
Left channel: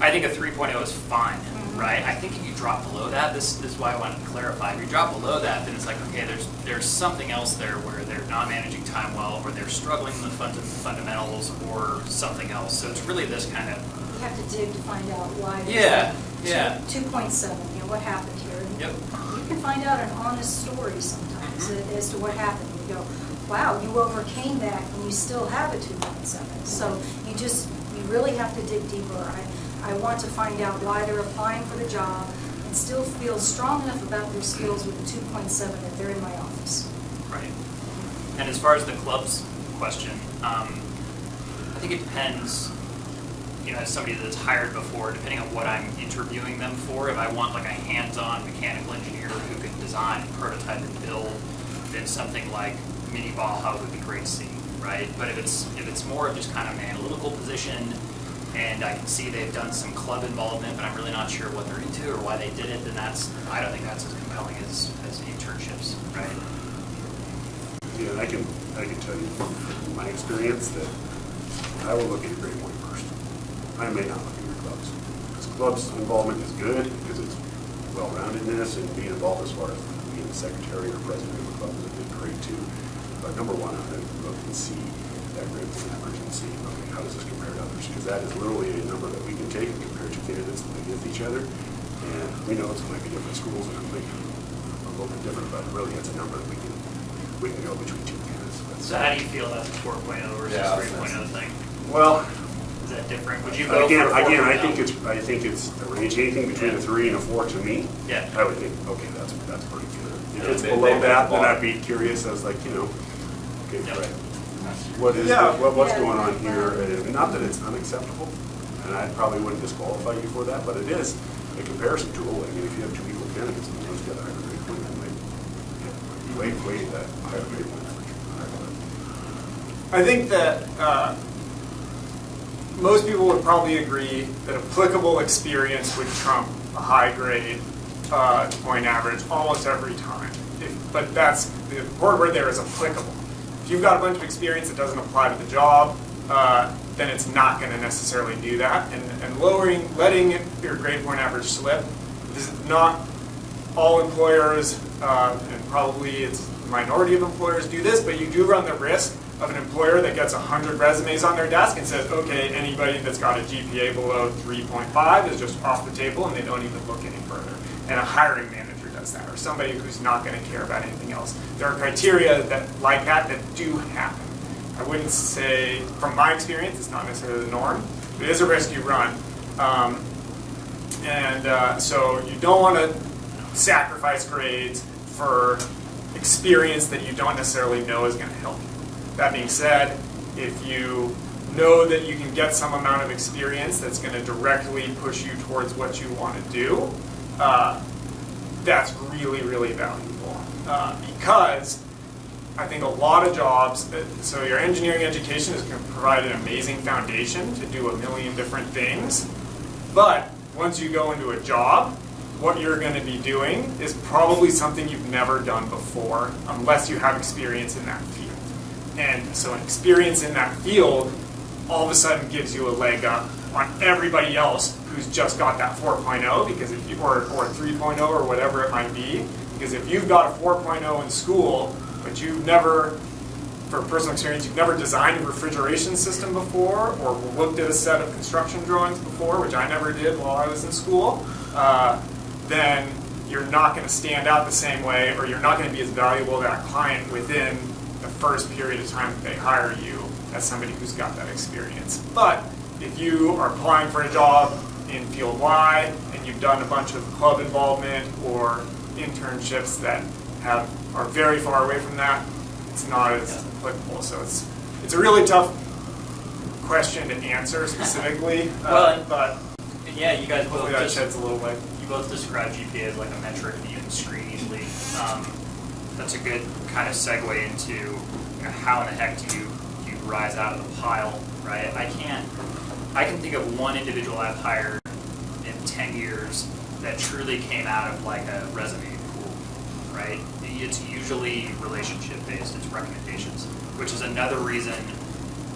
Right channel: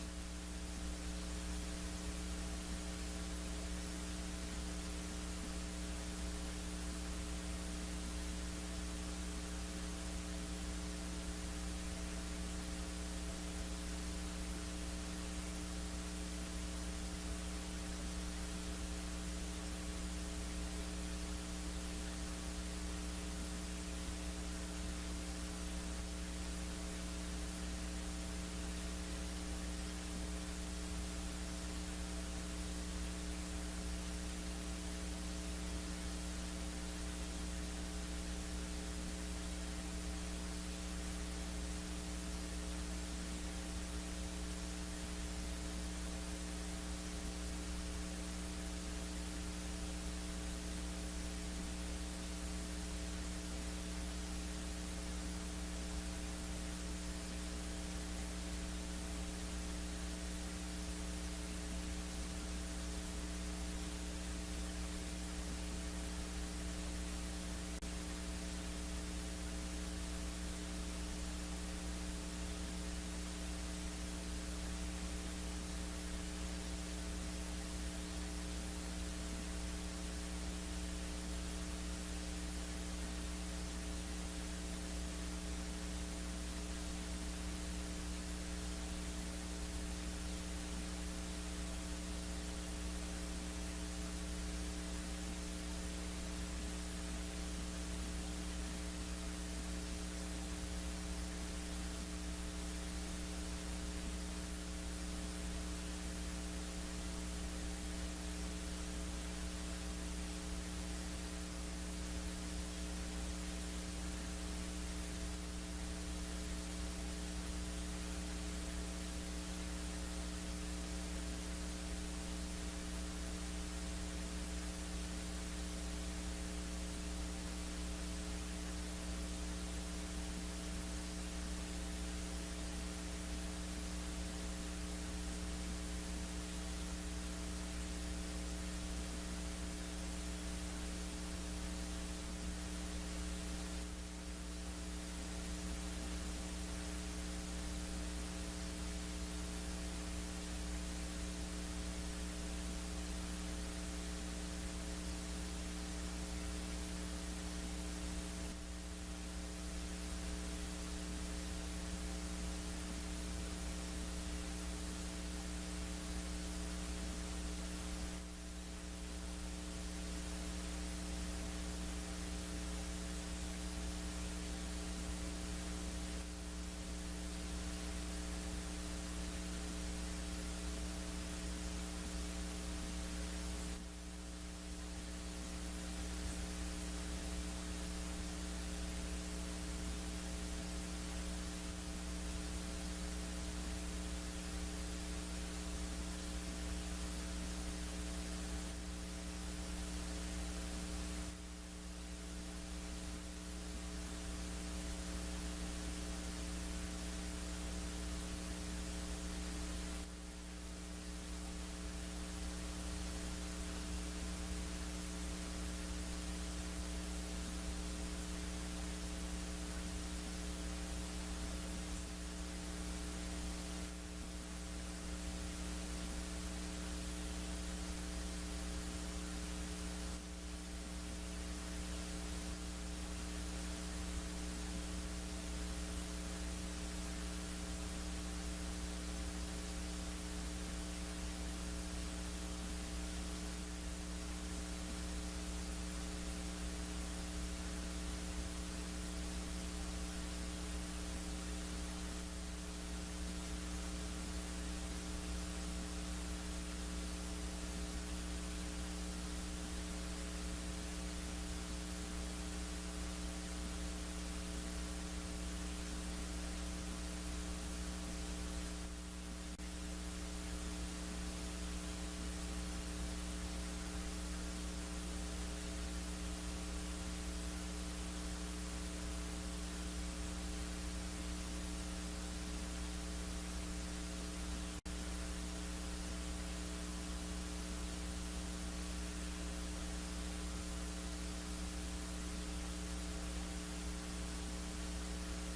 I think a 3.0 is fine, right? I think if you drop below that, this is why I wanted to clarify. If you drop below that, then it's like, okay, there's something else there where they're not managing time well, or they're struggling with fundamentals, or something else. So it's really this kind of. You have to dig to find out why. Yeah, yeah. 2.7, what happened here? And Yep. You can find out an honest story sometimes as to what happened. You go, wow, you overcame that and you still have a 2.7. So you really have to dig deeper. I want to find out why they're applying for the job and still feel strong enough about their skills with a 2.7 that they're in my office. Right. And as far as the clubs question, I think it depends, as somebody that's hired before, depending on what I'm interviewing them for. If I want like a hands-on mechanical engineer who can design, prototype, and build, then something like mini ball hub would be great to see, right? But if it's more of just kind of an analytical position, and I can see they've done some club involvement, but I'm really not sure what they're into or why they did it, then I don't think that's as compelling as internships, right? Yeah, I can tell you from my experience that I will look at your grade point first. I may not look at your clubs. Because clubs involvement is good because it's well-roundedness and being involved as far as being the secretary or president of a club is great too. But number one, I'm going to look and see that grade point average and see, okay, how does this compare to others? Because that is literally a number that we can take and compare two candidates against each other. And we know it's going to be different schools and it might be a little bit different, but really it's a number that we can go between two candidates. So how do you feel about the 4.0 versus 3.0 thing? Well, Is that different? Would you go again, for a 4.0? I think it's a range, anything between a 3 and a 4 to me. Yeah. I would think, okay, that's pretty good. If Yeah, it's they- below they that, then bar. I'd be curious. I was like, okay, Yep. right. What's Yeah. going on here? Not that it's unacceptable, and I probably wouldn't disqualify you for that, but it is a comparison tool. I mean, if you have two equal candidates and those get a higher grade point, then way that higher grade point average. I think that most people would probably agree that applicable experience would trump a high grade point average almost every time. But that's the important word there is applicable. If you've got a bunch of experience that doesn't apply to the job, then it's not going to necessarily do that. And letting your grade point average slip is not all employers, and probably it's a minority of employers do this, but you do run the risk of an employer that gets 100 resumes on their desk and says, okay, anybody that's got a GPA below 3.5 is just off the table, and they don't even look any further. And a hiring manager does that, or somebody who's not going to care about anything else. There are criteria like that do happen. I wouldn't say, from my experience, it's not necessarily the norm, but it is a risk you run. So you don't want to sacrifice grades for experience that you don't necessarily know is going to help you. That being said, if you know that you can get some amount of experience that's going to directly push you towards what you want to do, that's really, really valuable. Because I think a lot of jobs, so your engineering education is going to provide an amazing foundation to do a million different things. But once you go into a job, what you're going to be doing is probably something you've never done before, unless you have experience in that field. And so an experience in that field all of a sudden gives you a leg up on everybody else who's just got that 4.0, because if you, or 3.0 or whatever it might be. Because if you've got a 4.0 in school, but you've never, for personal experience, you've never designed a refrigeration system before, or looked at a set of construction drawings before, which I never did while I was in school, then you're not going to stand out the same way, or you're not going to be as valuable to that client within the first period of time that they hire you as somebody who's got that experience. But if you are applying for a job in field Y and you've done a bunch of club involvement or internships that are very far away from that, it's not as applicable. So it's a really tough question to answer specifically, but Yeah, you guys both hopefully that just, sheds a little light. you both describe GPA as like a metric that you can screen easily. That's a good kind of segue into, you know, how in the heck do you rise out of the pile, right? I can think of one individual I've hired in 10 years that truly came out of like a resume pool, right? It's usually relationship based, it's recommendations, which is another reason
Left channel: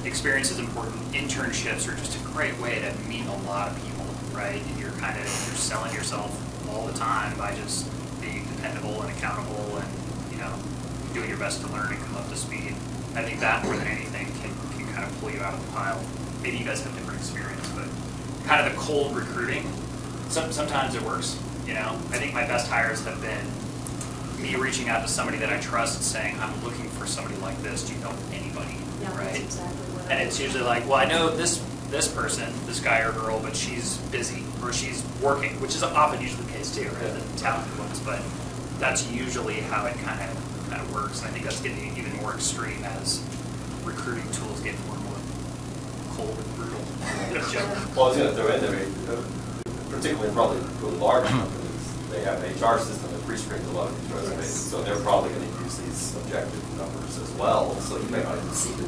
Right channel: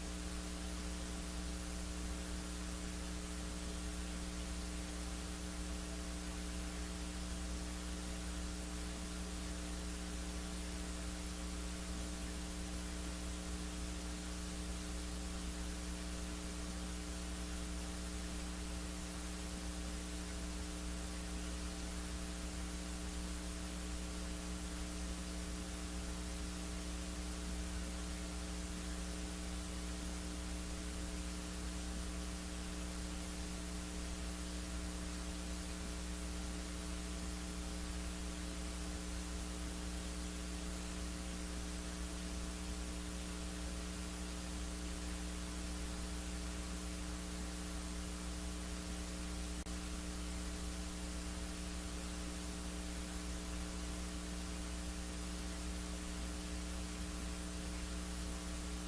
experience is important. Internships are just a great way to meet a lot of people, right? And you're selling yourself all the time by just being dependable and accountable and, you know, doing your best to learn and come up to speed. I think that more than anything can kind of pull you out of the pile. Maybe you guys have different experience, but kind of the cold recruiting, sometimes it works, you know? I think my best hires have been me reaching out to somebody that I trust and saying, I'm looking for somebody like this. Do you know anybody? Yeah, Right? that's exactly what And it's usually like, well, I know this person, this guy or girl, but she's busy or she's working, which is often usually the case too, right? The talented ones, but that's usually how it kind of works. And I think that's getting even more extreme as recruiting tools get more and more cold and brutal. Well, I was going to throw in there, particularly probably really large companies, they have an HR system that pre-screens a lot of these resumes, so they're probably going to use these objective numbers as well, so you may not even see the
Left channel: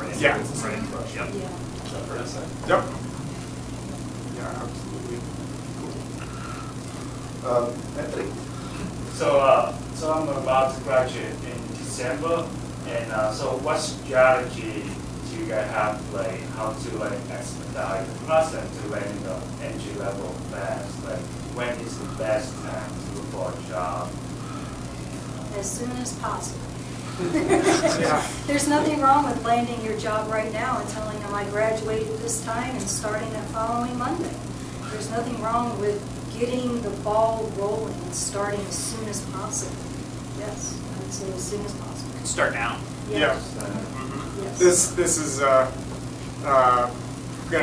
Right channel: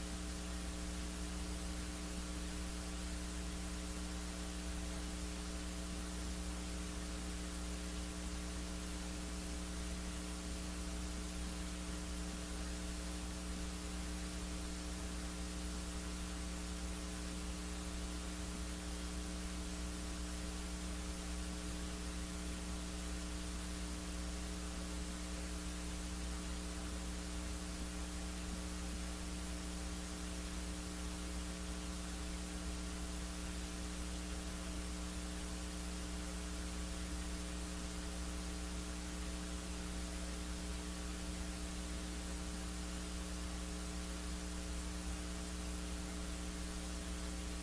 resume. Yeah. Right. Yep. Yeah. Is that fair to say? Yep. Yeah, absolutely. Anthony? So I'm about to graduate in December, and so what strategy do you guys have, like how to like expedite the process to land the entry level fast? Like when is the best time to look for a job? As soon as possible. Yeah. There's nothing wrong with landing your job right now and telling them I graduated this time and starting the following Monday. There's nothing wrong with getting the ball rolling and starting as soon as possible. Yes, I would say as soon as possible. Start now. Yeah. Yes. This is going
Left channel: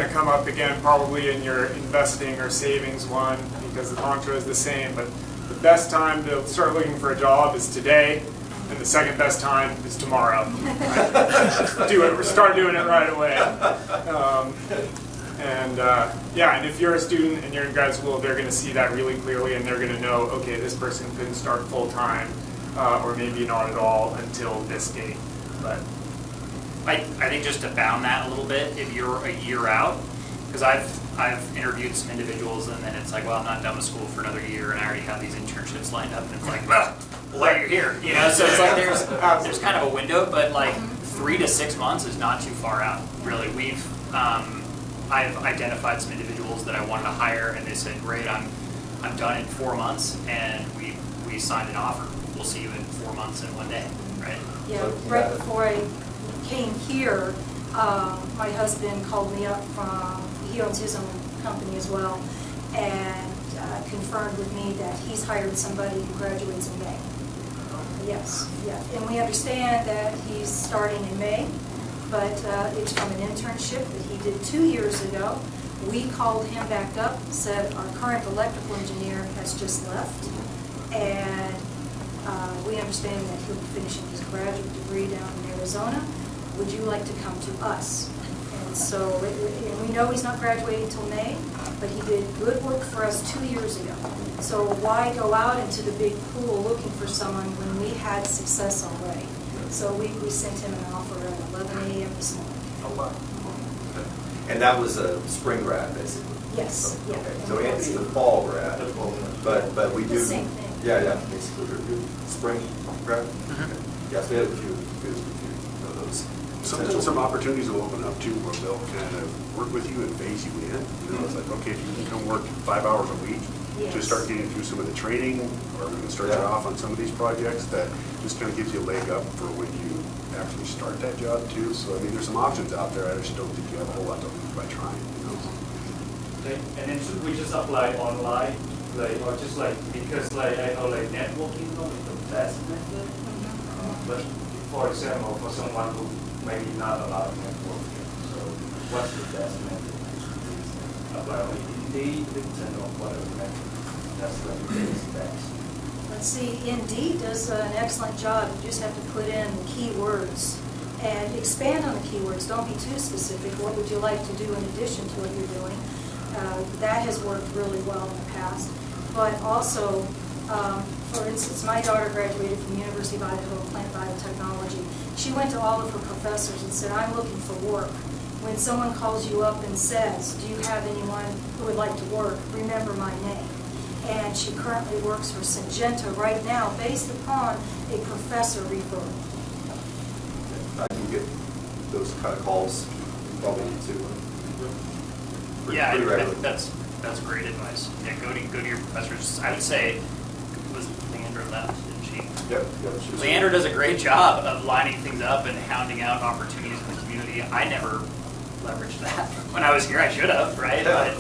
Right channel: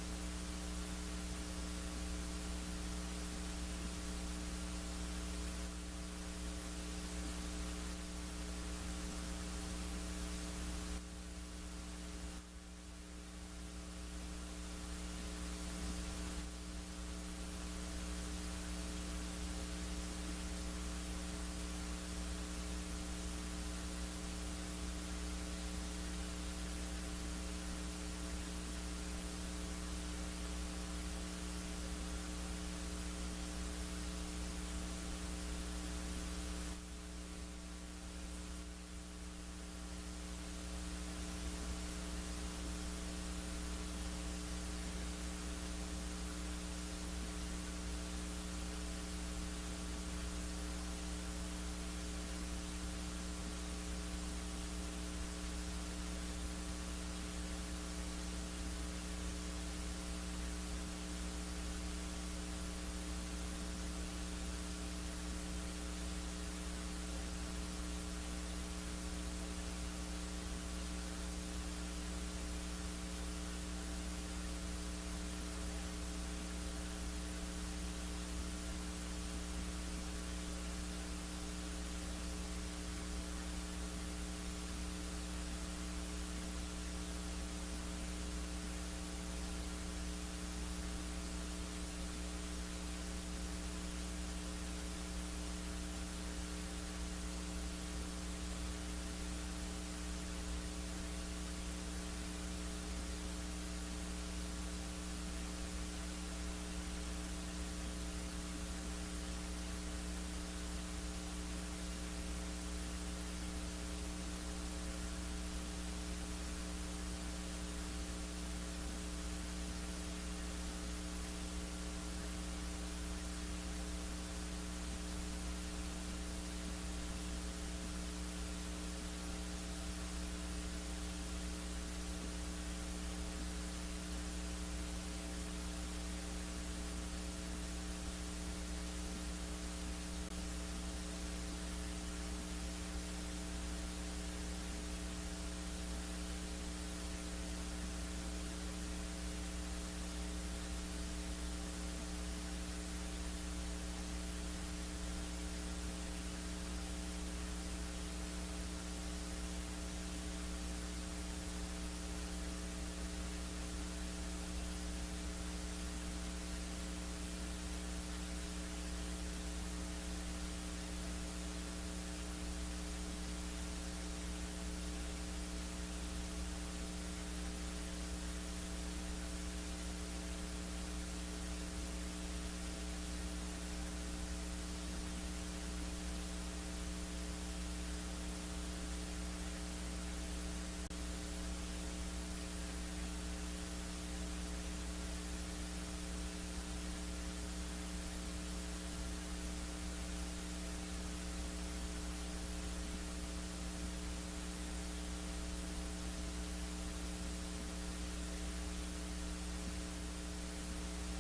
to come up again probably in your investing or savings one because the mantra is the same, but the best time to start looking for a job is today, and the second best time is tomorrow. Start doing it right away. And if you're a student and you're in grad school, they're going to see that really clearly, and they're going to know, okay, this person couldn't start full time, or maybe not at all until this date. But I think just to bound that a little bit, if you're a year out, because I've interviewed some individuals and then it's like, well, I'm not done with school for another year and I already have these internships lined up, and it's like, well, why are you here? You know, so it's like there's kind of a window, but like 3 to 6 months is not too far out, really. I've identified some individuals that I wanted to hire, and they said, great, I'm done in 4 months, and we signed an offer. We'll see you in 4 months and 1 day, right? Yeah, right before I came here, my husband called me up from, he owns his own company as well, and confirmed with me that he's hired somebody who graduates in May. Yes, yeah, and we understand that he's starting in May, but it's from an internship that he did 2 years ago. We called him back up, said our current electrical engineer has just left, and we understand that he'll be finishing his graduate degree down in Arizona. Would you like to come to us? And so, and we know he's not graduating until May, but he did good work for us 2 years ago. So why go out into the big pool looking for someone when we had success already? So we sent him an offer at 11 a.m. this morning. Oh, wow. Okay. And that was a spring grad, basically? Yes, yeah. Okay, so Anthony's a fall grad, but we do. The same thing. Yeah, basically, we're doing spring grad. Okay. Yes, we had a few of those. Sometimes some opportunities will open up too, where they'll kind of work with you and phase you in. You know, it's like, okay, if you can come work 5 hours a week to Yes. start getting through some of the training, or we can start you off on some of these projects, that just kind of gives you a leg up for when you actually start that job too. So, I mean, there's some options out there. I just don't think you have a whole lot to lose by trying, you know. Okay, and then should we just apply online, like, or just like, because like I know like networking is the best method, but for example, for someone who maybe not a lot of networking, so what's the best method to well, Indeed, LinkedIn, or whatever, that's the biggest things. Let's see, Indeed does an excellent job. You just have to put in the keywords and expand on the keywords. Don't be too specific. What would you like to do in addition to what you're doing? That has worked really well in the past. But also, for instance, my daughter graduated from the University of Idaho Plant Biotechnology. She went to all of her professors and said, I'm looking for work. When someone calls you up and says, do you have anyone who would like to work, remember my name. And she currently works for Syngenta right now based upon a professor referral. I can get those kind of calls, probably need to. Yeah, Pretty I regularly. think that's great advice. Yeah, go to your professors. I would say, was Leandra left, didn't she? Yep. She was- Leandra does a great job of lining things up and hounding out opportunities in the community. I never leveraged that when I was here. I should have, right? Yeah,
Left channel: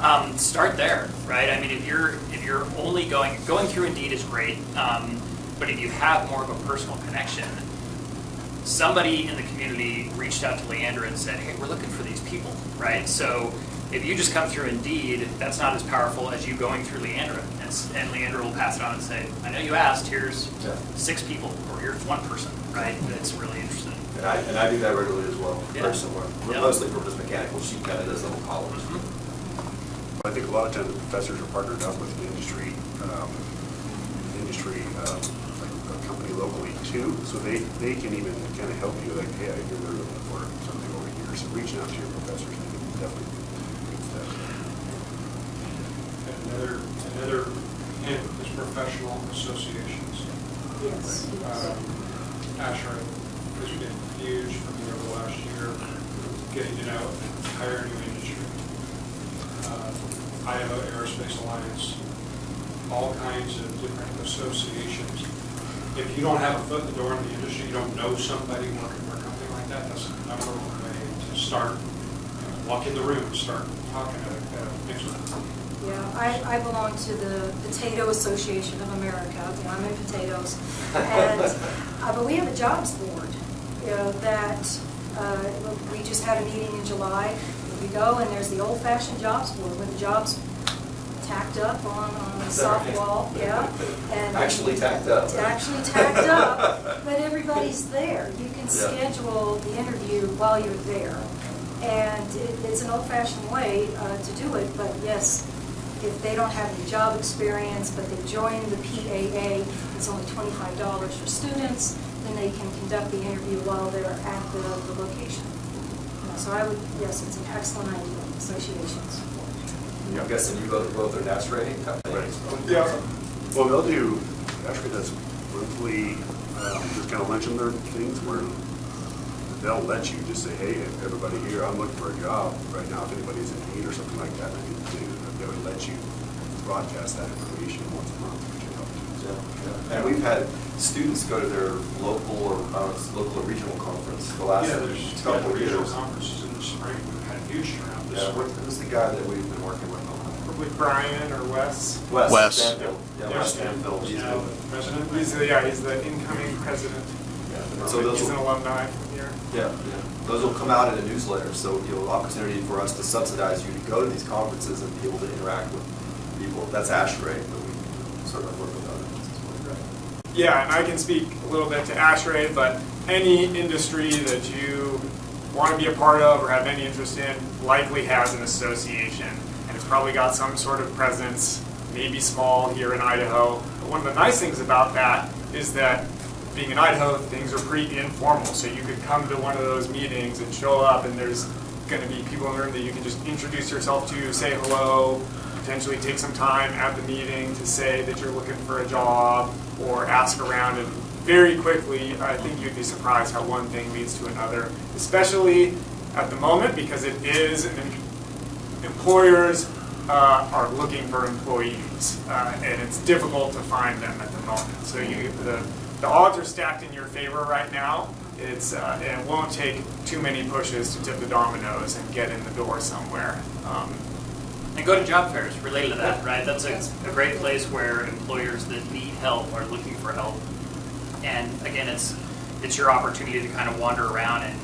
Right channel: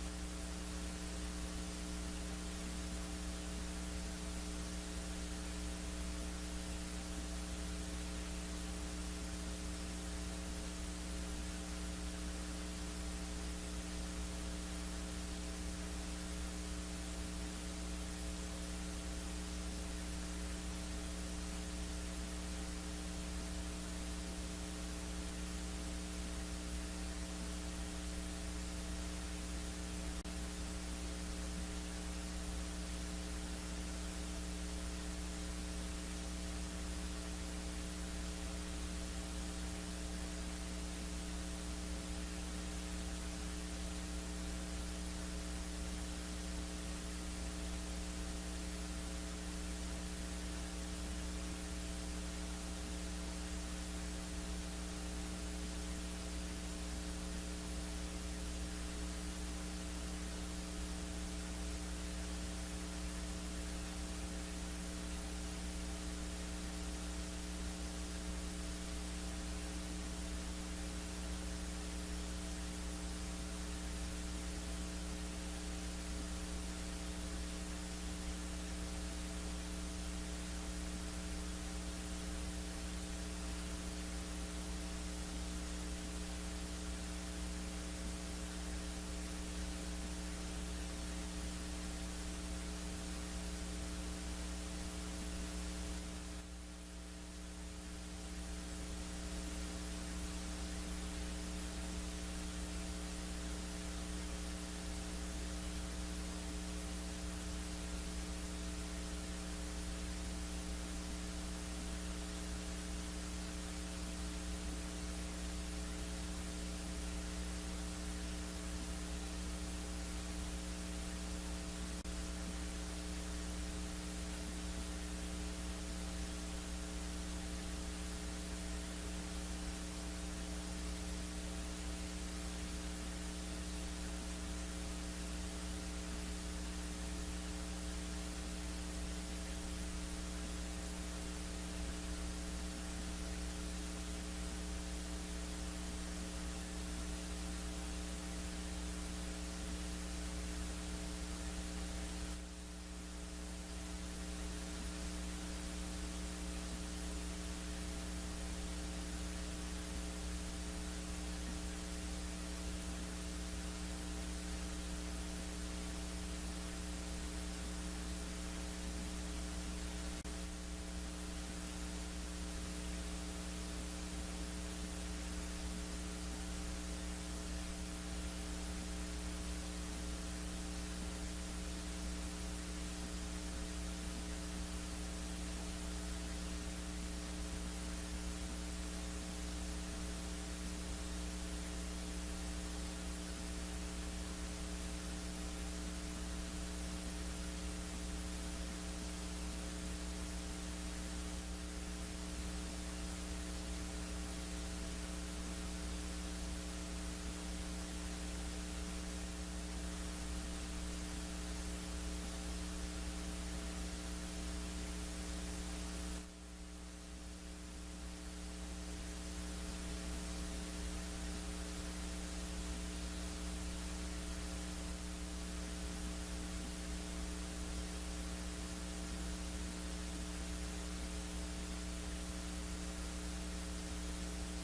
But start there, right? I mean, if you're only going through Indeed is great, but if you have more of a personal connection, somebody in the community reached out to Leandra and said, hey, we're looking for these people, right? So if you just come through Indeed, that's not as powerful as you going through Leandra. And Leandra will pass it on and say, I know you asked, here's 6 people, or here's 1 person, right? That's really interesting. And I do that regularly as well, Yeah. very similar. Yeah. Mostly for just mechanical, she kind of does the whole college. I think a lot of times the professors are partnered up with an industry, like a company locally too, so they can even kind of help you, like, hey, I hear they're looking for something over here, so reaching out to your professors, they can definitely do that. Another hint is professional associations. Yes. ASHRAE has been huge for me over the last year, getting to know an entire new industry. Idaho Aerospace Alliance, all kinds of different associations. If you don't have a foot in the door in the industry, you don't know somebody working for a company like that, that's the number one way to start. Walk in the room, start talking to mix with them. Yeah, I belong to the Potato Association of America. I'm in potatoes. And, but we have a jobs board, that we just had a meeting in July. We go and there's the old-fashioned jobs board with the jobs tacked up on the soft wall, yeah. And Actually tacked up. Actually tacked up, but everybody's there. You can Yeah. schedule the interview while you're there. And it's an old-fashioned way to do it, but yes, if they don't have any job experience, but they join the PAA, it's only $25 for students, then they can conduct the interview while they're at the location. So I would, yes, it's an excellent idea, associations. I'm guessing you both are DAS rating companies. Yeah. Well, they'll do, actually, that's monthly, just kind of mention their things where they'll let you just say, hey, everybody here, I'm looking for a job right now, if anybody's in need or something like that, they would let you broadcast that information once a month, which will help you. Yeah. And we've had students go to their local or regional conference the last couple of regional years. conferences in the spring, we've had huge turnout this Yeah, spring. who's the guy that we've been working with on that? With Brian or Wes. Wes. Stanfield. Yeah, Wes Stanfield. He's Now, good. President. He's the incoming president. Yeah. So those He's an will, alumni here. yeah, those will come out in a newsletter, so opportunity for us to subsidize you to go to these conferences and be able to interact with people. That's ASHRAE, but we certainly work with others. Yeah, and I can speak a little bit to ASHRAE, but any industry that you want to be a part of or have any interest in likely has an association, and it's probably got some sort of presence, maybe small here in Idaho. But one of the nice things about that is that being in Idaho, things are pretty informal, so you could come to one of those meetings and show up, and there's going to be people in the room that you can just introduce yourself to, say hello, potentially take some time at the meeting to say that you're looking for a job or ask around, and very quickly, I think you'd be surprised how one thing leads to another, especially at the moment, because it is, employers are looking for employees, and it's difficult to find them at the moment. So the odds are stacked in your favor right now. And it won't take too many pushes to tip the dominoes and get in the door somewhere. And go to job fairs related to that, right? That's a great place where employers that need help are looking for help. And again, it's your opportunity to kind of wander around and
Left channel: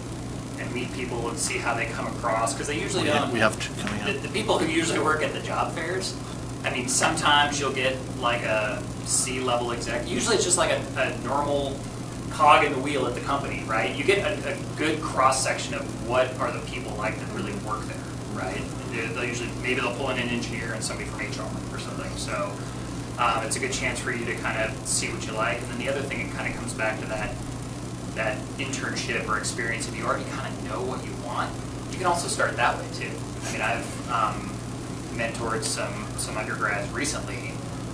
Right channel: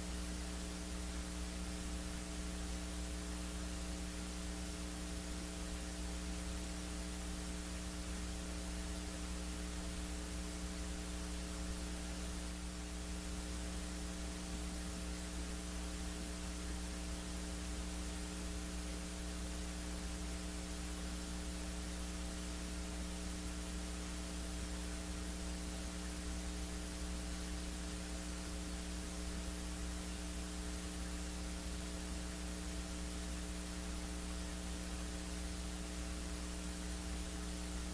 and meet people and see how they come across, because they usually don't. We have two coming up. The people who usually work at the job fairs, I mean, sometimes you'll get like a C-level exec. Usually it's just like a normal cog in the wheel at the company, right? You get a good cross-section of what are the people like that really work there, right? They'll usually, maybe they'll pull in an engineer and somebody from HR or something. So it's a good chance for you to kind of see what you like. And then the other thing, it kind of comes back to that internship or experience. If you already kind of know what you want, you can also start that way too. I mean, I've mentored some undergrads recently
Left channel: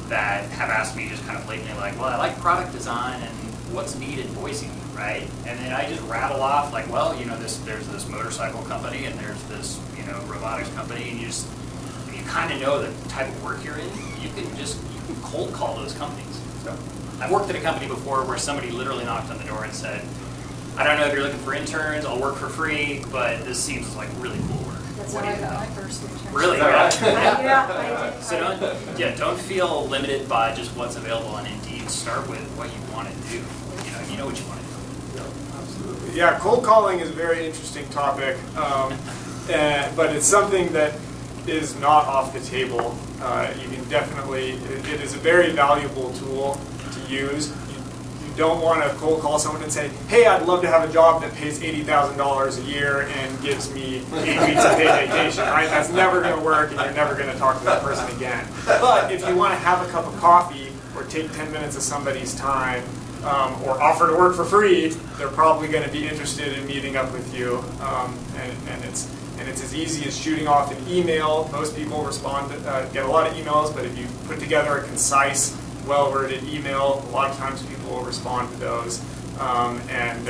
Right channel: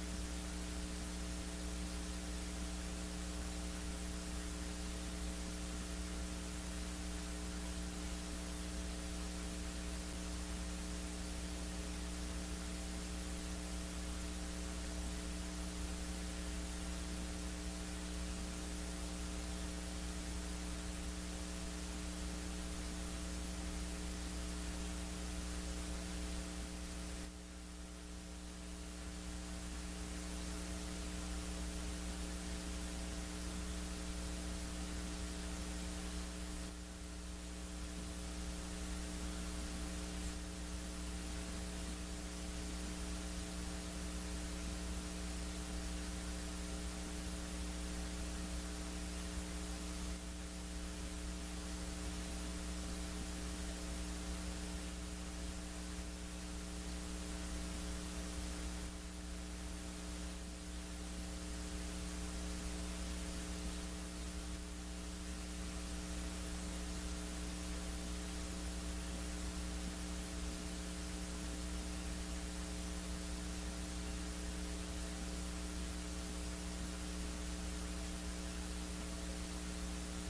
that have asked me just kind of blatantly like, well, I like product design and what's needed in Boise, right? And then I just rattle off like, well, you know, there's this motorcycle company and there's this, you know, robotics company, and if you kind of know the type of work you're in, you can cold call those companies. So I've worked at a company before where somebody literally knocked on the door and said, I don't know if you're looking for interns, I'll work for free, but this seems like really cool work. That's What how do I you got my think? first internship. Really? Yeah, I did. So don't feel limited by just what's available on Indeed. Start with what you want to do. You know what you want to do. Absolutely. Yeah, cold calling is a very interesting topic, but it's something that is not off the table. You can definitely, it is a very valuable tool to use. You don't want to cold call someone and say, hey, I'd love to have a job that pays $80,000 a year and gives me 8 weeks of paid vacation, right? That's never going to work, and you're never going to talk to that person again. But if you want to have a cup of coffee or take 10 minutes of somebody's time, or offer to work for free, they're probably going to be interested in meeting up with you. And it's as easy as shooting off an email. Most people respond, get a lot of emails, but if you put together a concise, well-worded email, a lot of times people will respond to those. And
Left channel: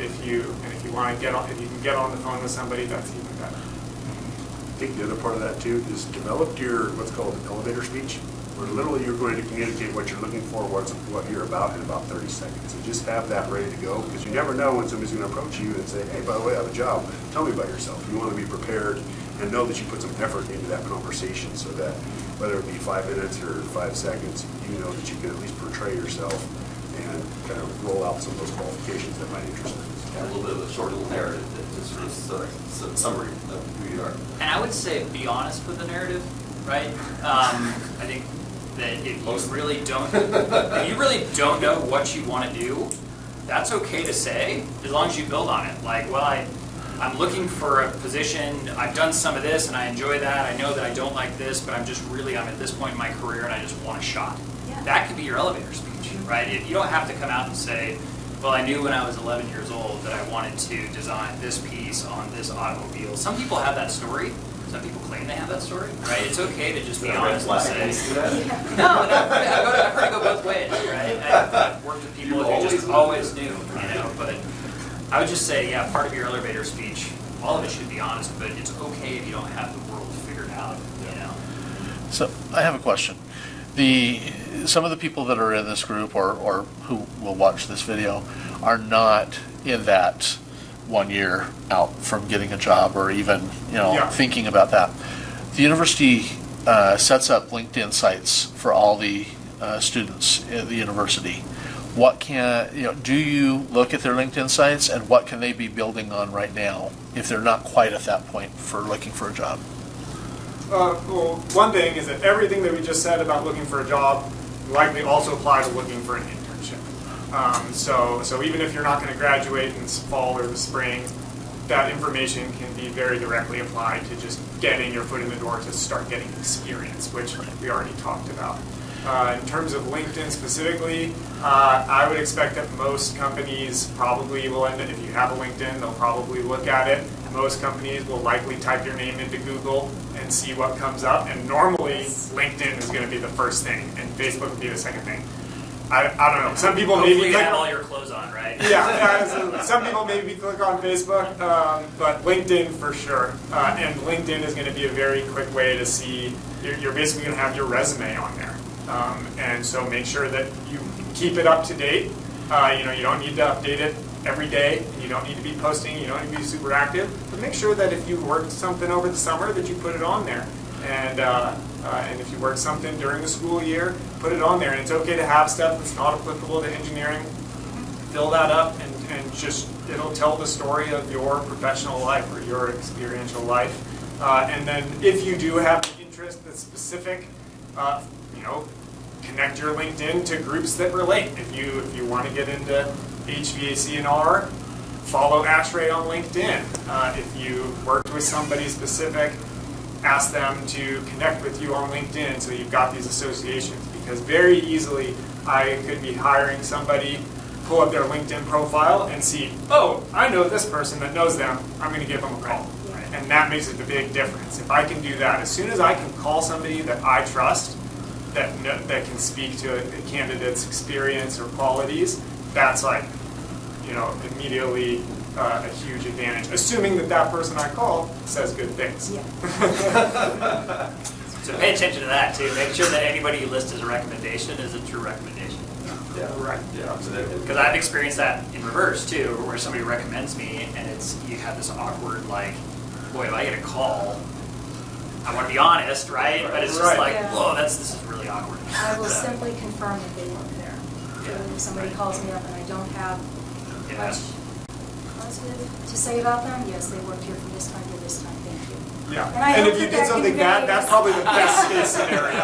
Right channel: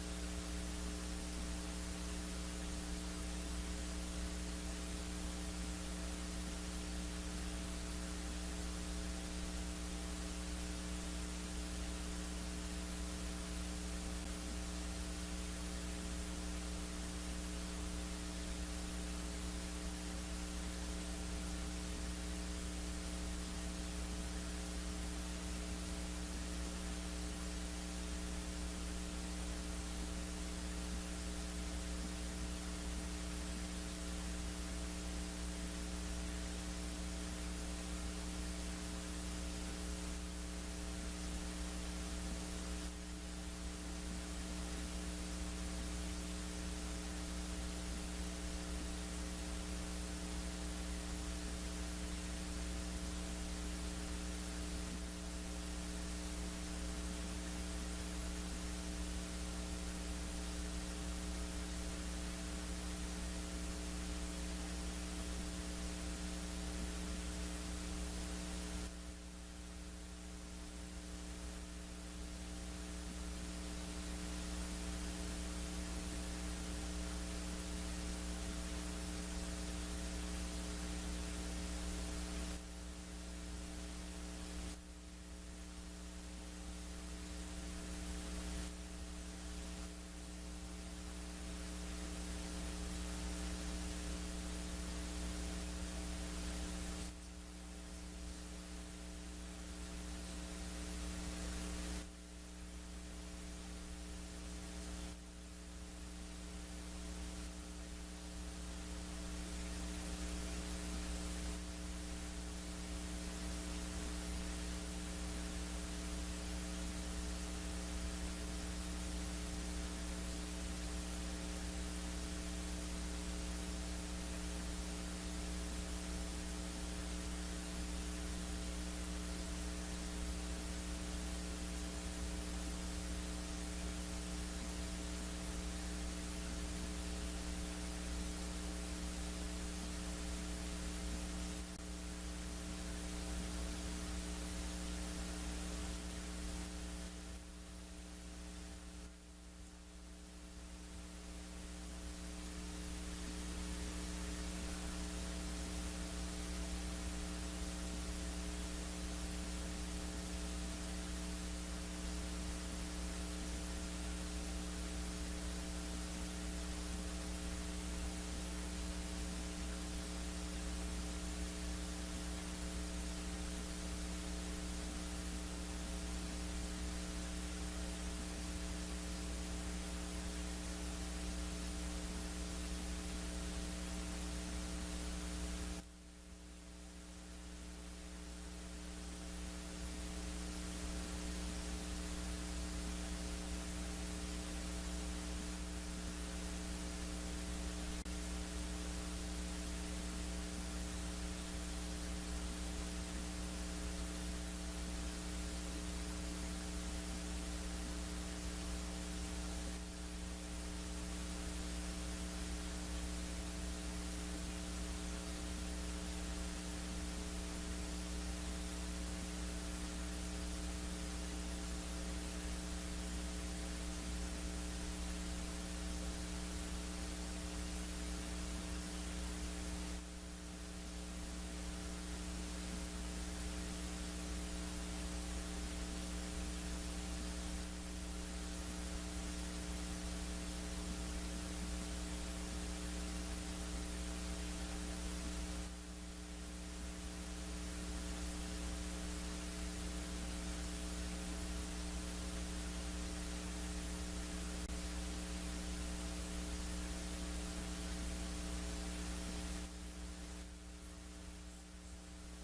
if you want to get on, if you can get on the phone with somebody, that's even better. I think the other part of that too is develop your what's called an elevator speech, where literally you're going to communicate what you're looking for, what you're about in about 30 seconds. And just have that ready to go, because you never know when somebody's going to approach you and say, hey, by the way, I have a job. Tell me about yourself. You want to be prepared and know that you put some effort into that conversation, so that whether it be 5 minutes or 5 seconds, you know that you can at least portray yourself and kind of roll out some of those qualifications that might interest them. Yeah, a little bit of a short little narrative that is sort of a summary of who you are. And I would say be honest with the narrative, right? I think that if you really don't know what you want to do, that's okay to say, as long as you build on it. Like, well, I'm looking for a position, I've done some of this and I enjoy that, I know that I don't like this, but I'm at this point in my career and I just want a shot. Yeah. That could be your elevator speech, right? If you don't have to come out and say, well, I knew when I was 11 years old that I wanted to design this piece on this automobile. Some people have that story. Some people claim they have that story, right? It's okay to just be honest and say, no, I've heard it go both ways, right? I've worked with people who just always knew, but I would just say, yeah, part of your elevator speech, all of it should be honest, but it's okay if you don't have the world figured out, So I have a question. Some of the people that are in this group or who will watch this video are not in that 1 year out from getting a job or even thinking about that. The university sets up LinkedIn sites for all the students at the university. Do you look at their LinkedIn sites, and what can they be building on right now if they're not quite at that point for looking for a job? Well, one thing is that everything that we just said about looking for a job likely also apply to looking for an internship. So even if you're not going to graduate in the fall or the spring, that information can be very directly applied to just getting your foot in the door to start getting experience, which we already talked about. In terms of LinkedIn specifically, I would expect that most companies probably will end up, if you have a LinkedIn, they'll probably look at it. Most companies will likely type your name into Google and see what comes up. And normally, LinkedIn is going to be the first thing, and Facebook will be the second thing. I don't know. Some people Hopefully maybe you have all your clothes on, right? Yeah, so some people maybe click on Facebook, but LinkedIn for sure. And LinkedIn is going to be a very quick way to see. You're basically going to have your resume on there, and so make sure that you keep it up to date. You don't need to update it every day. You don't need to be posting. You don't need to be super active. But make sure that if you worked something over the summer, that you put it on there. And if you work something during the school year, put it on there. And it's okay to have stuff that's not applicable to engineering. Fill that up and just, it'll tell the story of your professional life or your experiential life. And then if you do have an interest that's specific, connect your LinkedIn to groups that relate. If you want to get into HVAC&R, follow ASHRAE on LinkedIn. If you worked with somebody specific, ask them to connect with you on LinkedIn so you've got these associations. Because very easily I could be hiring somebody, pull up their LinkedIn profile and see, oh, I know this person that knows them, I'm going to give them a call. And that makes it a big difference. If I can do that, as soon as I can call somebody that I trust, that can speak to a candidate's experience or qualities, that's like, immediately a huge advantage, assuming that person I called says good things. Yeah. So pay attention to that too. Make sure that anybody you list as a recommendation is a true recommendation. Yeah, Right. yeah, absolutely. Because I've experienced that in reverse too, where somebody recommends me and you have this awkward like, boy, if I get a call, I want to be honest, right? But it's just Right. like, Yeah. whoa, this is really awkward. I will simply confirm that they work there. Yeah. If somebody calls me up and I don't have Yeah. much positive to say about them, yes, they worked here from this time to this time, thank you. Yeah. And I And hope if you that did that something bad, conveys- that's probably the best case scenario.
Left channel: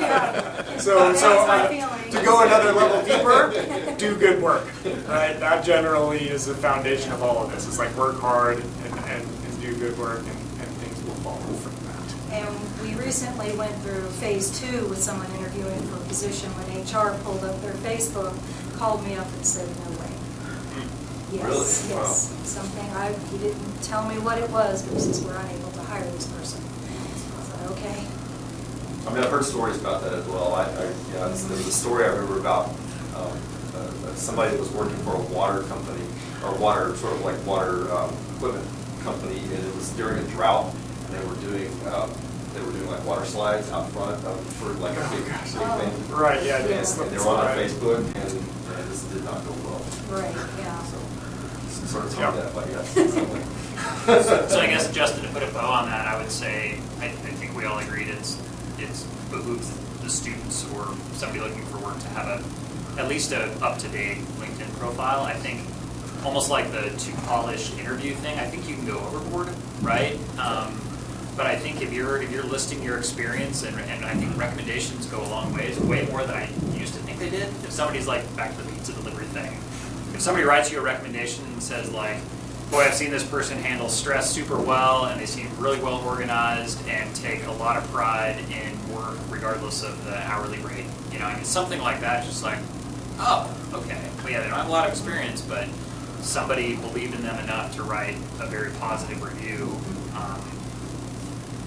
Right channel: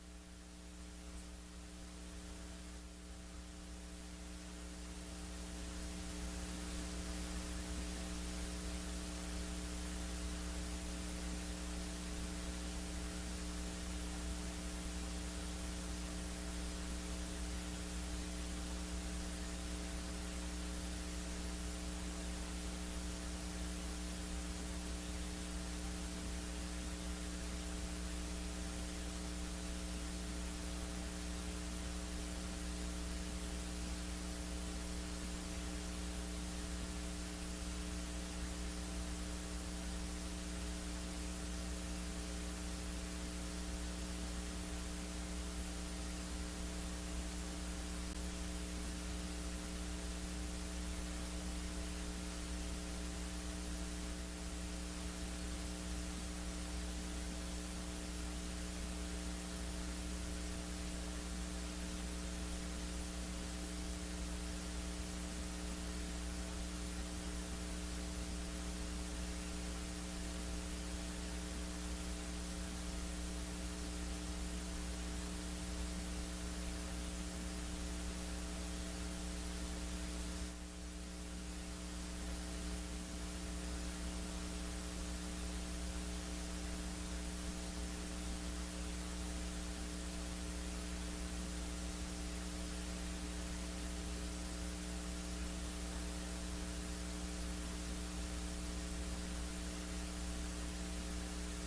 Yeah. So That's my feeling. to go another level deeper, do good work, right? That generally is the foundation of all of this. It's like work hard and do good work and things will follow from that. And we recently went through phase 2 with someone interviewing for a position when HR pulled up their Facebook, called me up and said, no way. Yes, Really? yes. Something, he didn't tell me what it was, but he says, we're unable to hire this person. I thought, okay. I mean, I've heard stories about that as well. There was a story I remember about somebody that was working for a water company, or water equipment company, and it was during a drought, and they were doing like water slides out front for like a big thing. Right, yeah. And they were on Facebook, and this did not go well. Right, yeah. So, sort of told that, but yes. So I guess, Justin, to put a bow on that, I would say, I think we all agreed it's behooves the students or somebody looking for work to have at least a up-to-date LinkedIn profile. I think almost like the too polished interview thing, I think you can go overboard, right? But I think if you're listing your experience, and I think recommendations go a long ways, way more than I used to think they did. If somebody's like, back to the pizza delivery thing, if somebody writes you a recommendation and says like, boy, I've seen this person handle stress super well, and they seem really well organized and take a lot of pride in work regardless of the hourly rate. I mean, something like that, just like, oh, okay. Well, yeah, they don't have a lot of experience, but somebody believed in them enough to write a very positive review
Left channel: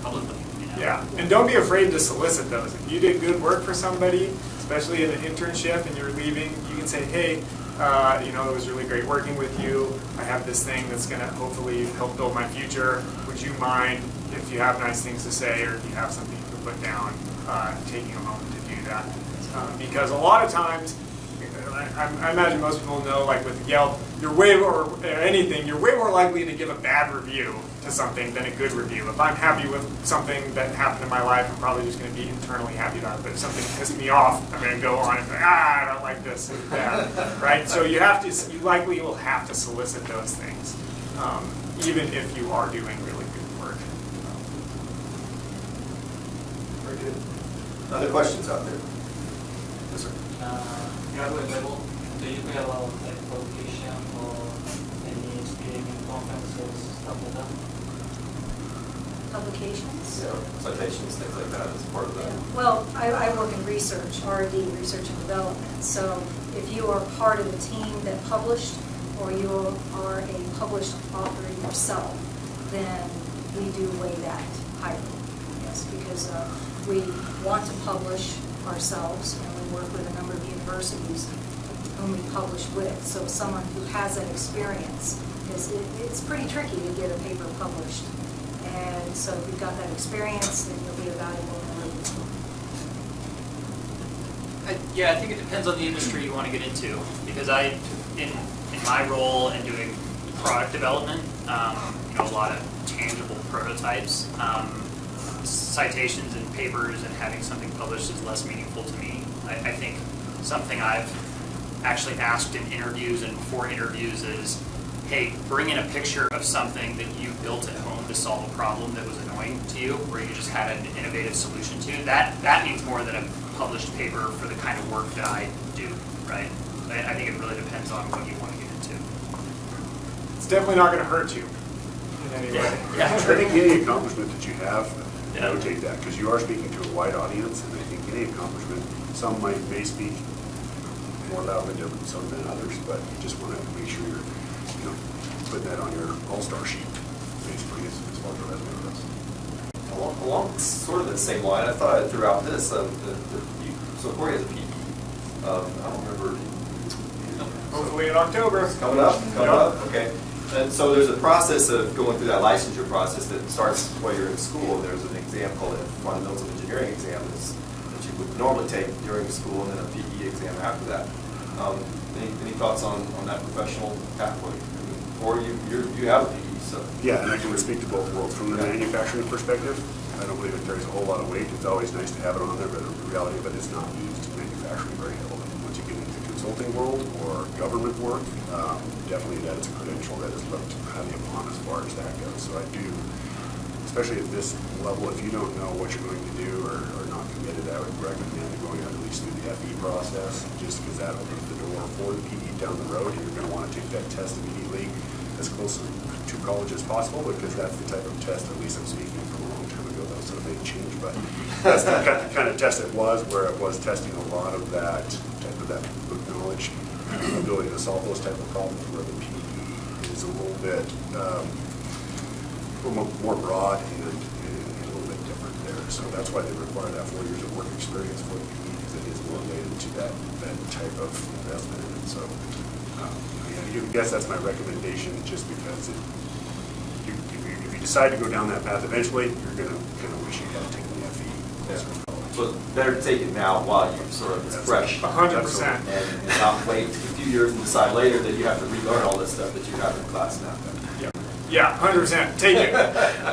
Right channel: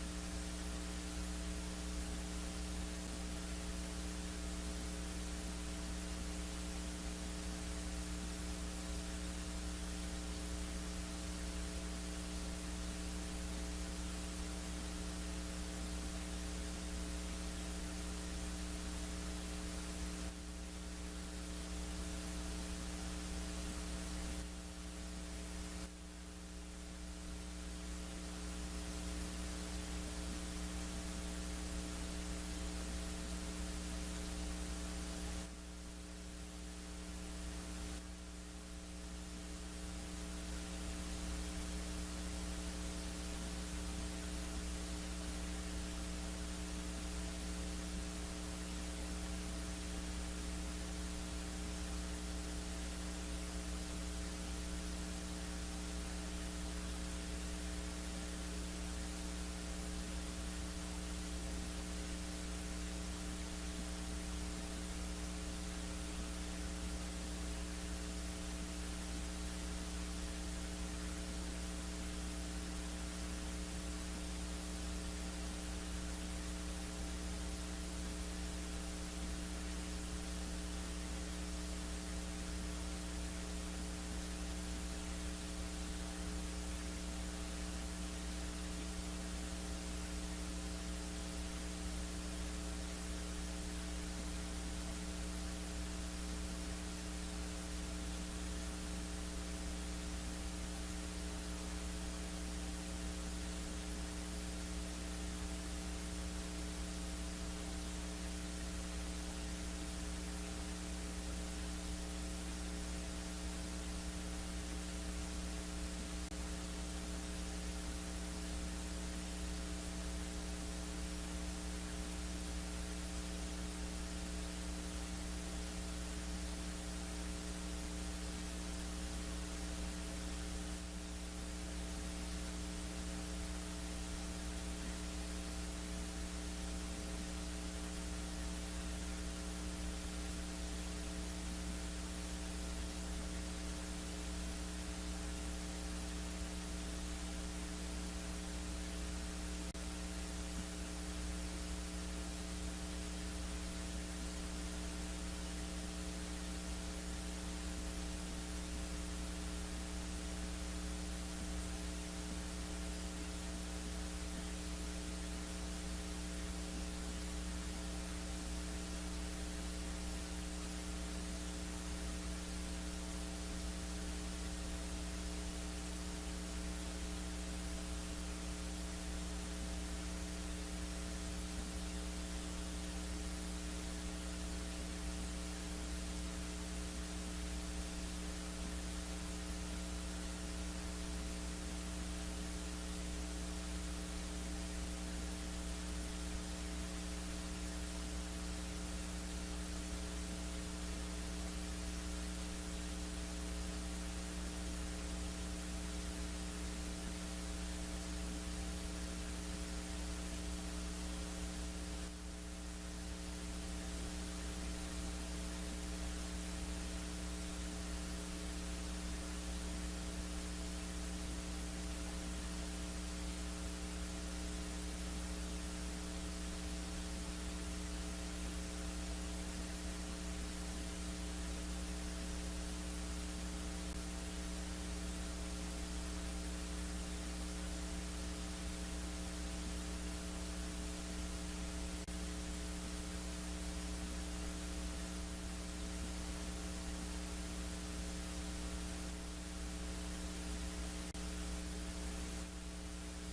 publicly. Yeah, and don't be afraid to solicit those. If you did good work for somebody, especially in an internship, and you're leaving, you can say, hey, it was really great working with you. I have this thing that's going to hopefully help build my future. Would you mind, if you have nice things to say or if you have something you can put down, taking a moment to do that? Because a lot of times, I imagine most people know, like with Yelp, you're way more likely to give a bad review to something than a good review. If I'm happy with something that happened in my life, I'm probably just going to be internally happy about it. But if something pissed me off, I'm going to go on and say, I don't like this, it's bad, right? So you likely will have to solicit those things, even if you are doing really good work. Very good. Other questions out there? Yes, sir. Graduate level, do you pay a lot of like publication or any speaking conferences, stuff like that? Publications? Yeah, citations, things like that as part of that. Well, I work in research, R&D, research and development. So if you are part of a team that published, or you are a published author yourself, then we do weigh that highly. Yes, because we want to publish ourselves, and we work with a number of universities whom we publish with. So someone who has that experience, it's pretty tricky to get a paper published. And so if you've got that experience, then you'll be a valuable member of the team. I think it depends on the industry you want to get into, because in my role in doing product development, a lot of tangible prototypes, citations and papers and having something published is less meaningful to me. I think something I've actually asked in interviews and before interviews is, hey, bring in a picture of something that you built at home to solve a problem that was annoying to you, or you just had an innovative solution to. That means more than a published paper for the kind of work that I do, right? I think it really depends on what you want to get into. It's definitely not going to hurt you in any way. Yeah. I think any accomplishment that you have, Yeah. notate that, because you are speaking to a wide audience, and I think any accomplishment, some may speak more loudly to some than others, but you just want to make sure you're, putting that on your all-star sheet, basically, as far as the resume goes. Along sort of the same line, I thought throughout this, so Corey has a PE. I don't remember. Hopefully in October. It's coming up, okay. And so there's a process of going through that licensure process that starts while you're in school. There's an exam called a Fundamentals of Engineering exam that you would normally take during school, and then a PE exam after that. Any thoughts on that professional pathway? Or you have a PE, so. Yeah, and I can speak to both worlds. From the manufacturing perspective, I don't believe it carries a whole lot of weight. It's always nice to have it on there, but the reality of it is not used in manufacturing very heavily. Once you get into the consulting world or government work, definitely that is a credential that is looked highly upon as far as that goes. So I do, especially at this level, if you don't know what you're going to do or not committed, I would recommend going at least through the FE process, just because that opens the door for the PE down the road. You're going to want to take that test immediately as close to college as possible, because that's the type of test, at least I'm speaking from a long time ago, that was a big change, but that's the kind of test it was, where it was testing a lot of that type of that knowledge, ability to solve those type of problems, where the PE is a little bit more broad and a little bit different there. So that's why they require that 4 years of work experience for the PE, because it is more related to that type of investment in it. So I guess that's my recommendation, just because if you decide to go down that path eventually, you're going to wish you had taken the FE. Yeah. So it's better to take it now while you're sort of fresh. 100%. And not wait a few years and decide later that you have to relearn all this stuff that you have in class now. Yeah, 100%. Take it.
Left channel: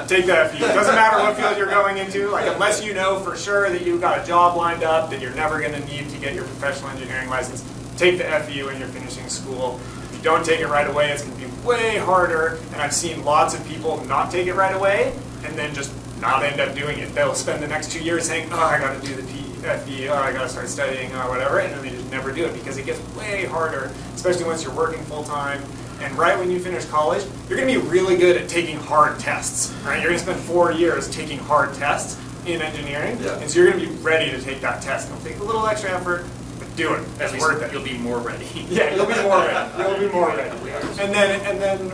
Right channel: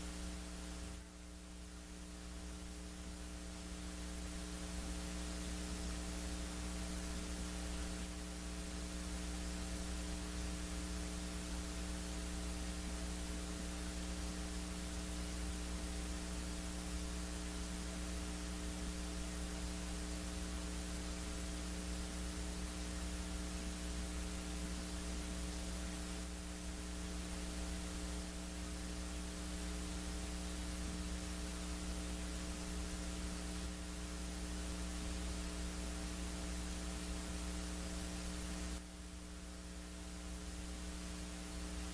Take that FE. It doesn't matter what field you're going into. Like, unless you know for sure that you've got a job lined up, that you're never going to need to get your professional engineering license, take the FE when you're finishing school. If you don't take it right away, it's going to be way harder. And I've seen lots of people not take it right away and then just not end up doing it. They'll spend the next 2 years saying, oh, I got to do the FE, oh, I got to start studying, or whatever, and then they just never do it, because it gets way harder, especially once you're working full-time. And right when you finish college, you're going to be really good at taking hard tests, right? You're going to spend 4 years taking hard tests in engineering, and so you're going to be ready to take that test. It'll take a little extra effort, but do it. It's worth it. You'll be more ready. Yeah, you'll be more ready. You'll be more ready. And then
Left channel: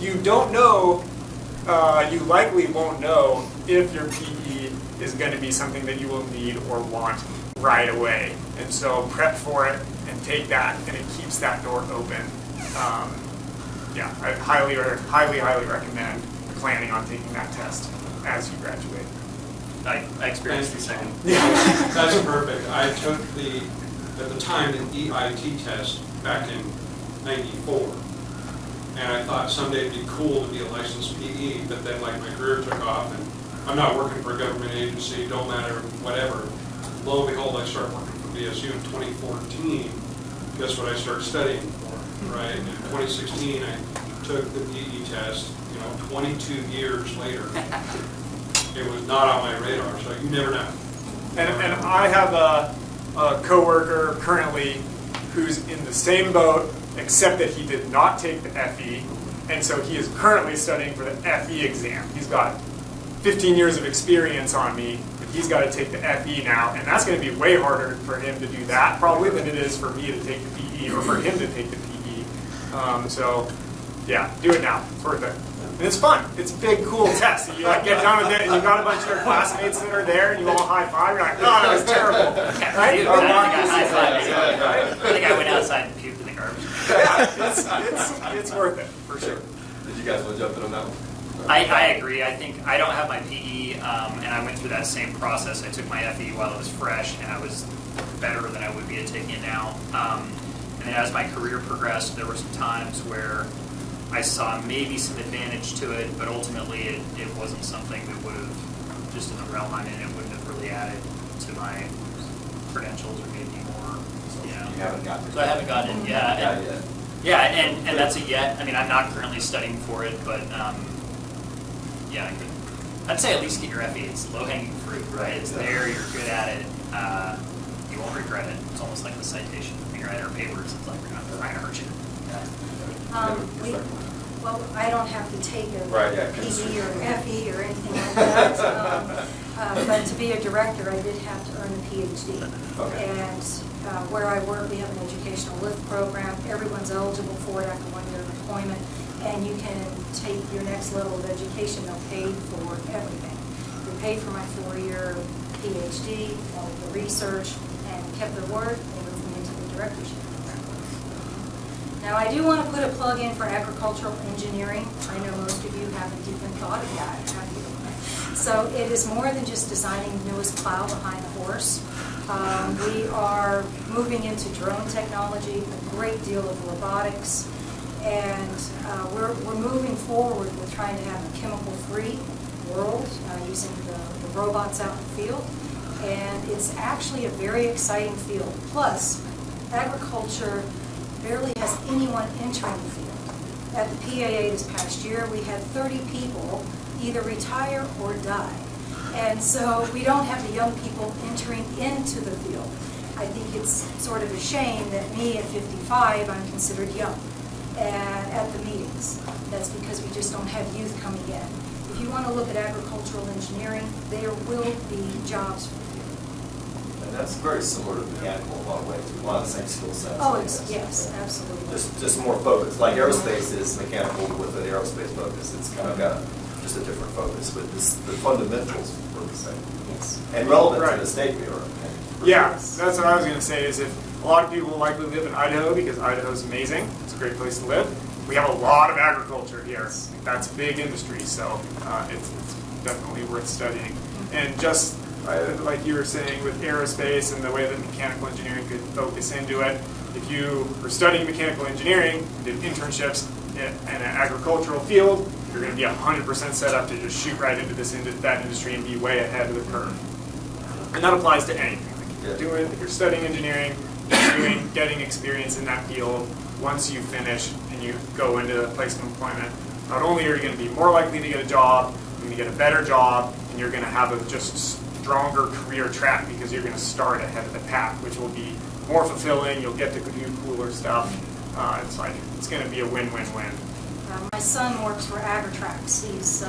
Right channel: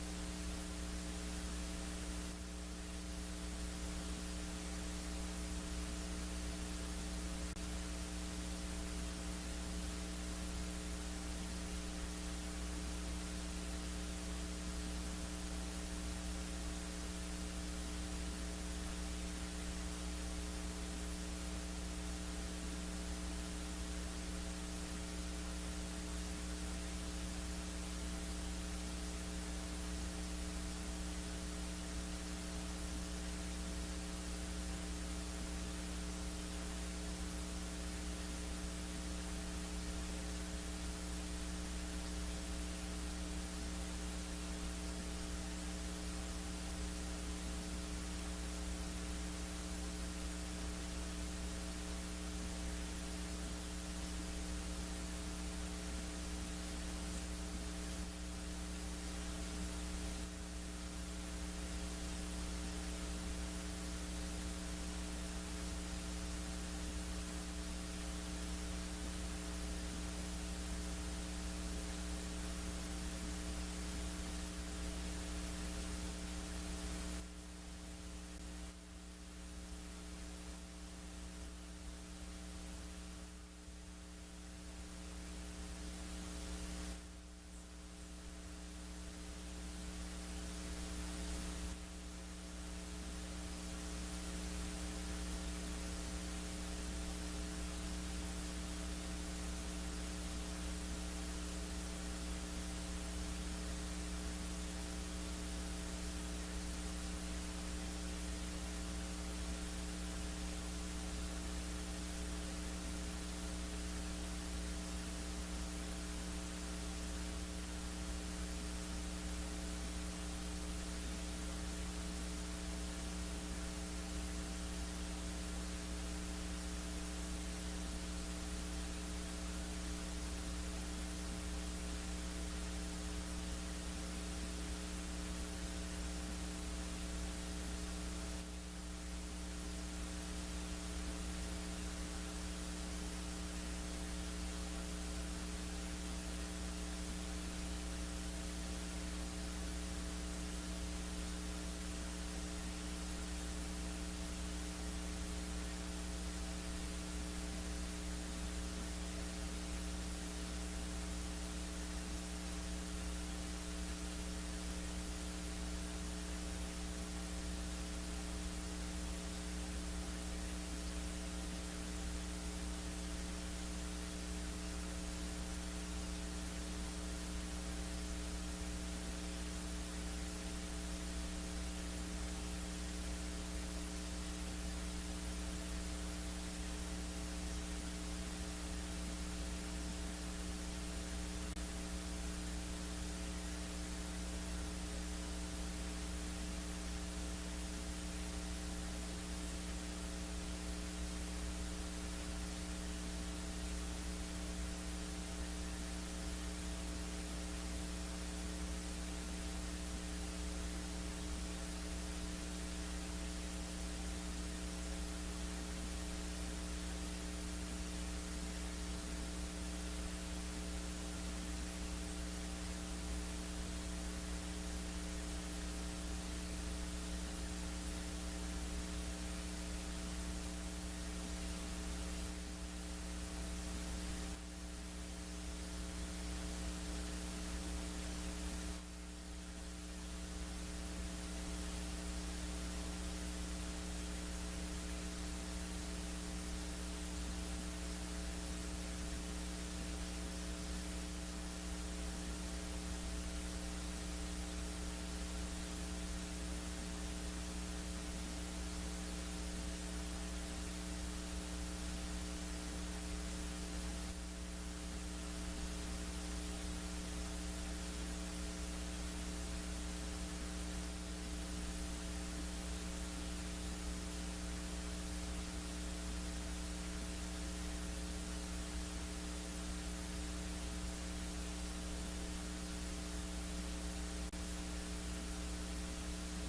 you don't know, you likely won't know if your PE is going to be something that you will need or want right away. And so prep for it and take that, and it keeps that door open. Yeah, I highly recommend planning on taking that test as you graduate. I experienced the second. That's perfect. I took at the time, an EIT test back in '94. And I thought someday it'd be cool to be a licensed PE, but then like my career took off, and I'm not working for a government agency, don't matter, whatever. Lo and behold, I started working for BSU in 2014. Guess what I started studying for, right? In 2016, I took the PE test, 22 years later. It was not on my radar, so you never know. And I have a coworker currently who's in the same boat, except that he did not take the FE, and so he is currently studying for the FE exam. He's got 15 years of experience on me, but he's got to take the FE now, and that's going to be way harder for him to do that probably than it is for me to take the PE or for him to take the PE. So yeah, do it now. It's worth it. And it's fun. It's a big, cool test. You get done with it, and you've got a bunch of your classmates that are there, and you all high five. You're like, oh, that was terrible. Right? I think I went outside and puked in the garbage. Yeah, it's worth it, for sure. Did you guys want to jump in on that one? I agree. I think I don't have my PE, and I went through that same process. I took my FE while it was fresh, and I was better than I would be at taking it now. And then as my career progressed, there were some times where I saw maybe some advantage to it, but ultimately it wasn't something that would have, just in the realm I'm in, it wouldn't have really added to my credentials or made me more, You haven't gotten it. So I haven't gotten it, yeah. Yeah, And- yeah. Yeah, and that's a yet. I mean, I'm not currently studying for it, but yeah, I'd say at least get your FE. It's low-hanging fruit, right? It's there, you're good at it. You won't regret it. It's almost like the citation. When you're at our papers, it's like we're not trying to hurt you. Well, I don't have to take a Right, yeah, PE or FE or anything like that. But to be a director, I did have to earn a PhD. Okay. And where I work, we have an educational lift program. Everyone's eligible for it after 1 year of employment. And you can take your next level of education. They'll pay for everything. They paid for my 4-year PhD, all the research, and kept their word. They moved me into the directorship program. Now, I do want to put a plug in for agricultural engineering. I know most of you haven't even thought of that, have you? So it is more than just designing the newest plow behind the horse. We are moving into drone technology, a great deal of robotics, and we're moving forward with trying to have a chemical-free world using the robots out in the field. And it's actually a very exciting field. Plus, agriculture barely has anyone entering the field. At the PAA this past year, we had 30 people either retire or die. And so we don't have the young people entering into the field. I think it's sort of a shame that me at 55, I'm considered young and at the meetings. That's because we just don't have youth coming in. If you want to look at agricultural engineering, there will be jobs for you. And that's very similar to mechanical in a lot of ways, a lot of the same skill sets. Oh, I guess. yes, absolutely. Just more focus. Like aerospace is mechanical with an aerospace focus. It's kind of got just a different focus, but the fundamentals are the same. Yes. And relevant Right. to the state we are. Yeah, that's what I was going to say, is if a lot of people likely live in Idaho because Idaho's amazing, it's a great place to live. We have a lot of agriculture here. That's a big industry, so it's definitely worth studying. And just like you were saying with aerospace and the way that mechanical engineering could focus into it, if you were studying mechanical engineering, did internships in an agricultural field, you're going to be 100% set up to just shoot right into that industry and be way ahead of the curve. And that applies to anything. If you're studying engineering, getting experience in that field, once you finish and you go into a place of employment, not only are you going to be more likely to get a job, you're going to get a better job, and you're going to have a just stronger career track because you're going to start ahead of the pack, which will be more fulfilling. You'll get to do cooler stuff. It's going to be a win-win-win. My son works for Agritrax. He's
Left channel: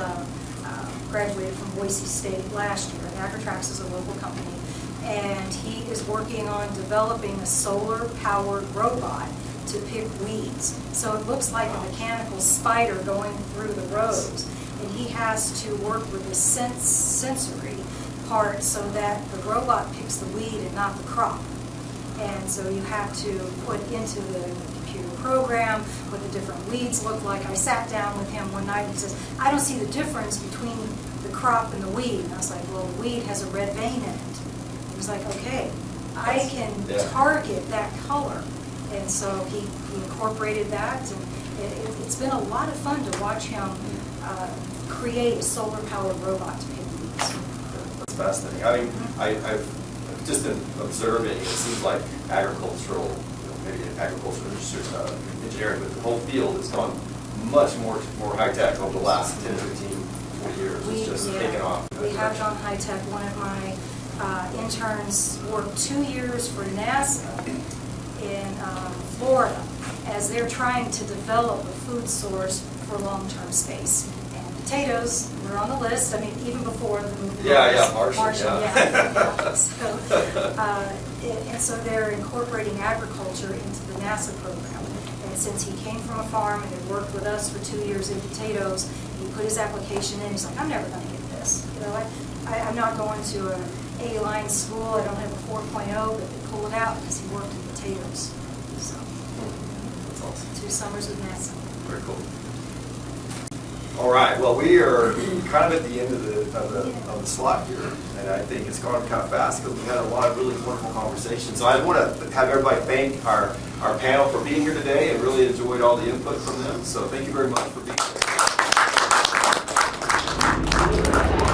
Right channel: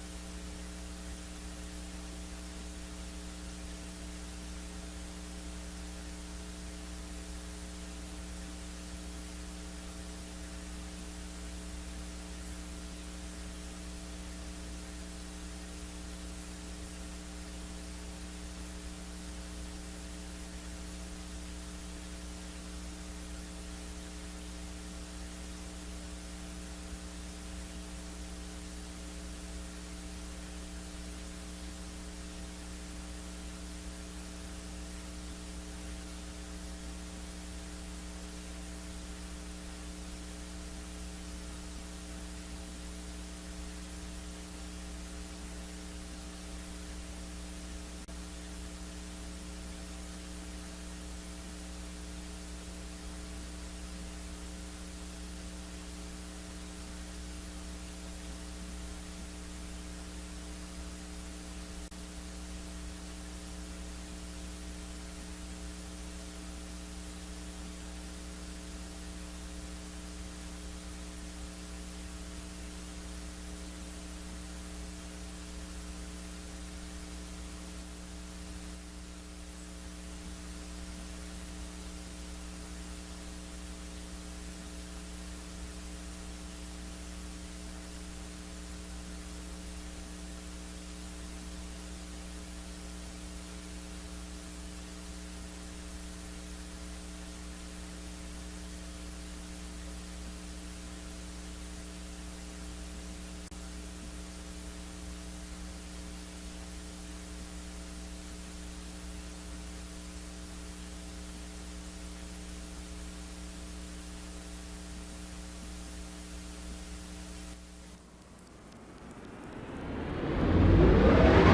graduated from Boise State last year. And Agritrax is a local company. And he is working on developing a solar-powered robot to pick weeds. So it looks like a mechanical spider going through the rows. And he has to work with the sensory part so that the robot picks the weed and not the crop. And so you have to put into the computer program what the different weeds look like. I sat down with him one night and he says, I don't see the difference between the crop and the weed. And I was like, well, the weed has a red vein in it. He was like, okay, I can target that color. And so he incorporated that, and it's been a lot of fun to watch him create a solar-powered robot to pick weeds. That's fascinating. I mean, I've just been observing, it seems like agricultural, maybe agricultural engineering, but the whole field has gone much more high-tech over the last 10, 15, 20 years. It's just taken off. We have gone high-tech. One of my interns worked 2 years for NASA in Florida as they're trying to develop a food source for long-term space. And potatoes were on the list, I mean, even before the movie. Martian, yeah. So, and so they're incorporating agriculture into the NASA program. And since he came from a farm and had worked with us for 2 years in potatoes, he put his application in, he's like, I'm never going to get this. You know, I'm not going to an A-line school, I don't have a 4.0, but they pull it out because he worked in potatoes. So, That's awesome. 2 summers with NASA. Very cool. All right. Well, we are kind of at the end of the slot here, and I think it's gone kind of fast, but we had a lot of really wonderful conversations. So I want to have everybody thank our panel for being here today, and really enjoyed all the input from them. So thank you very much for being here.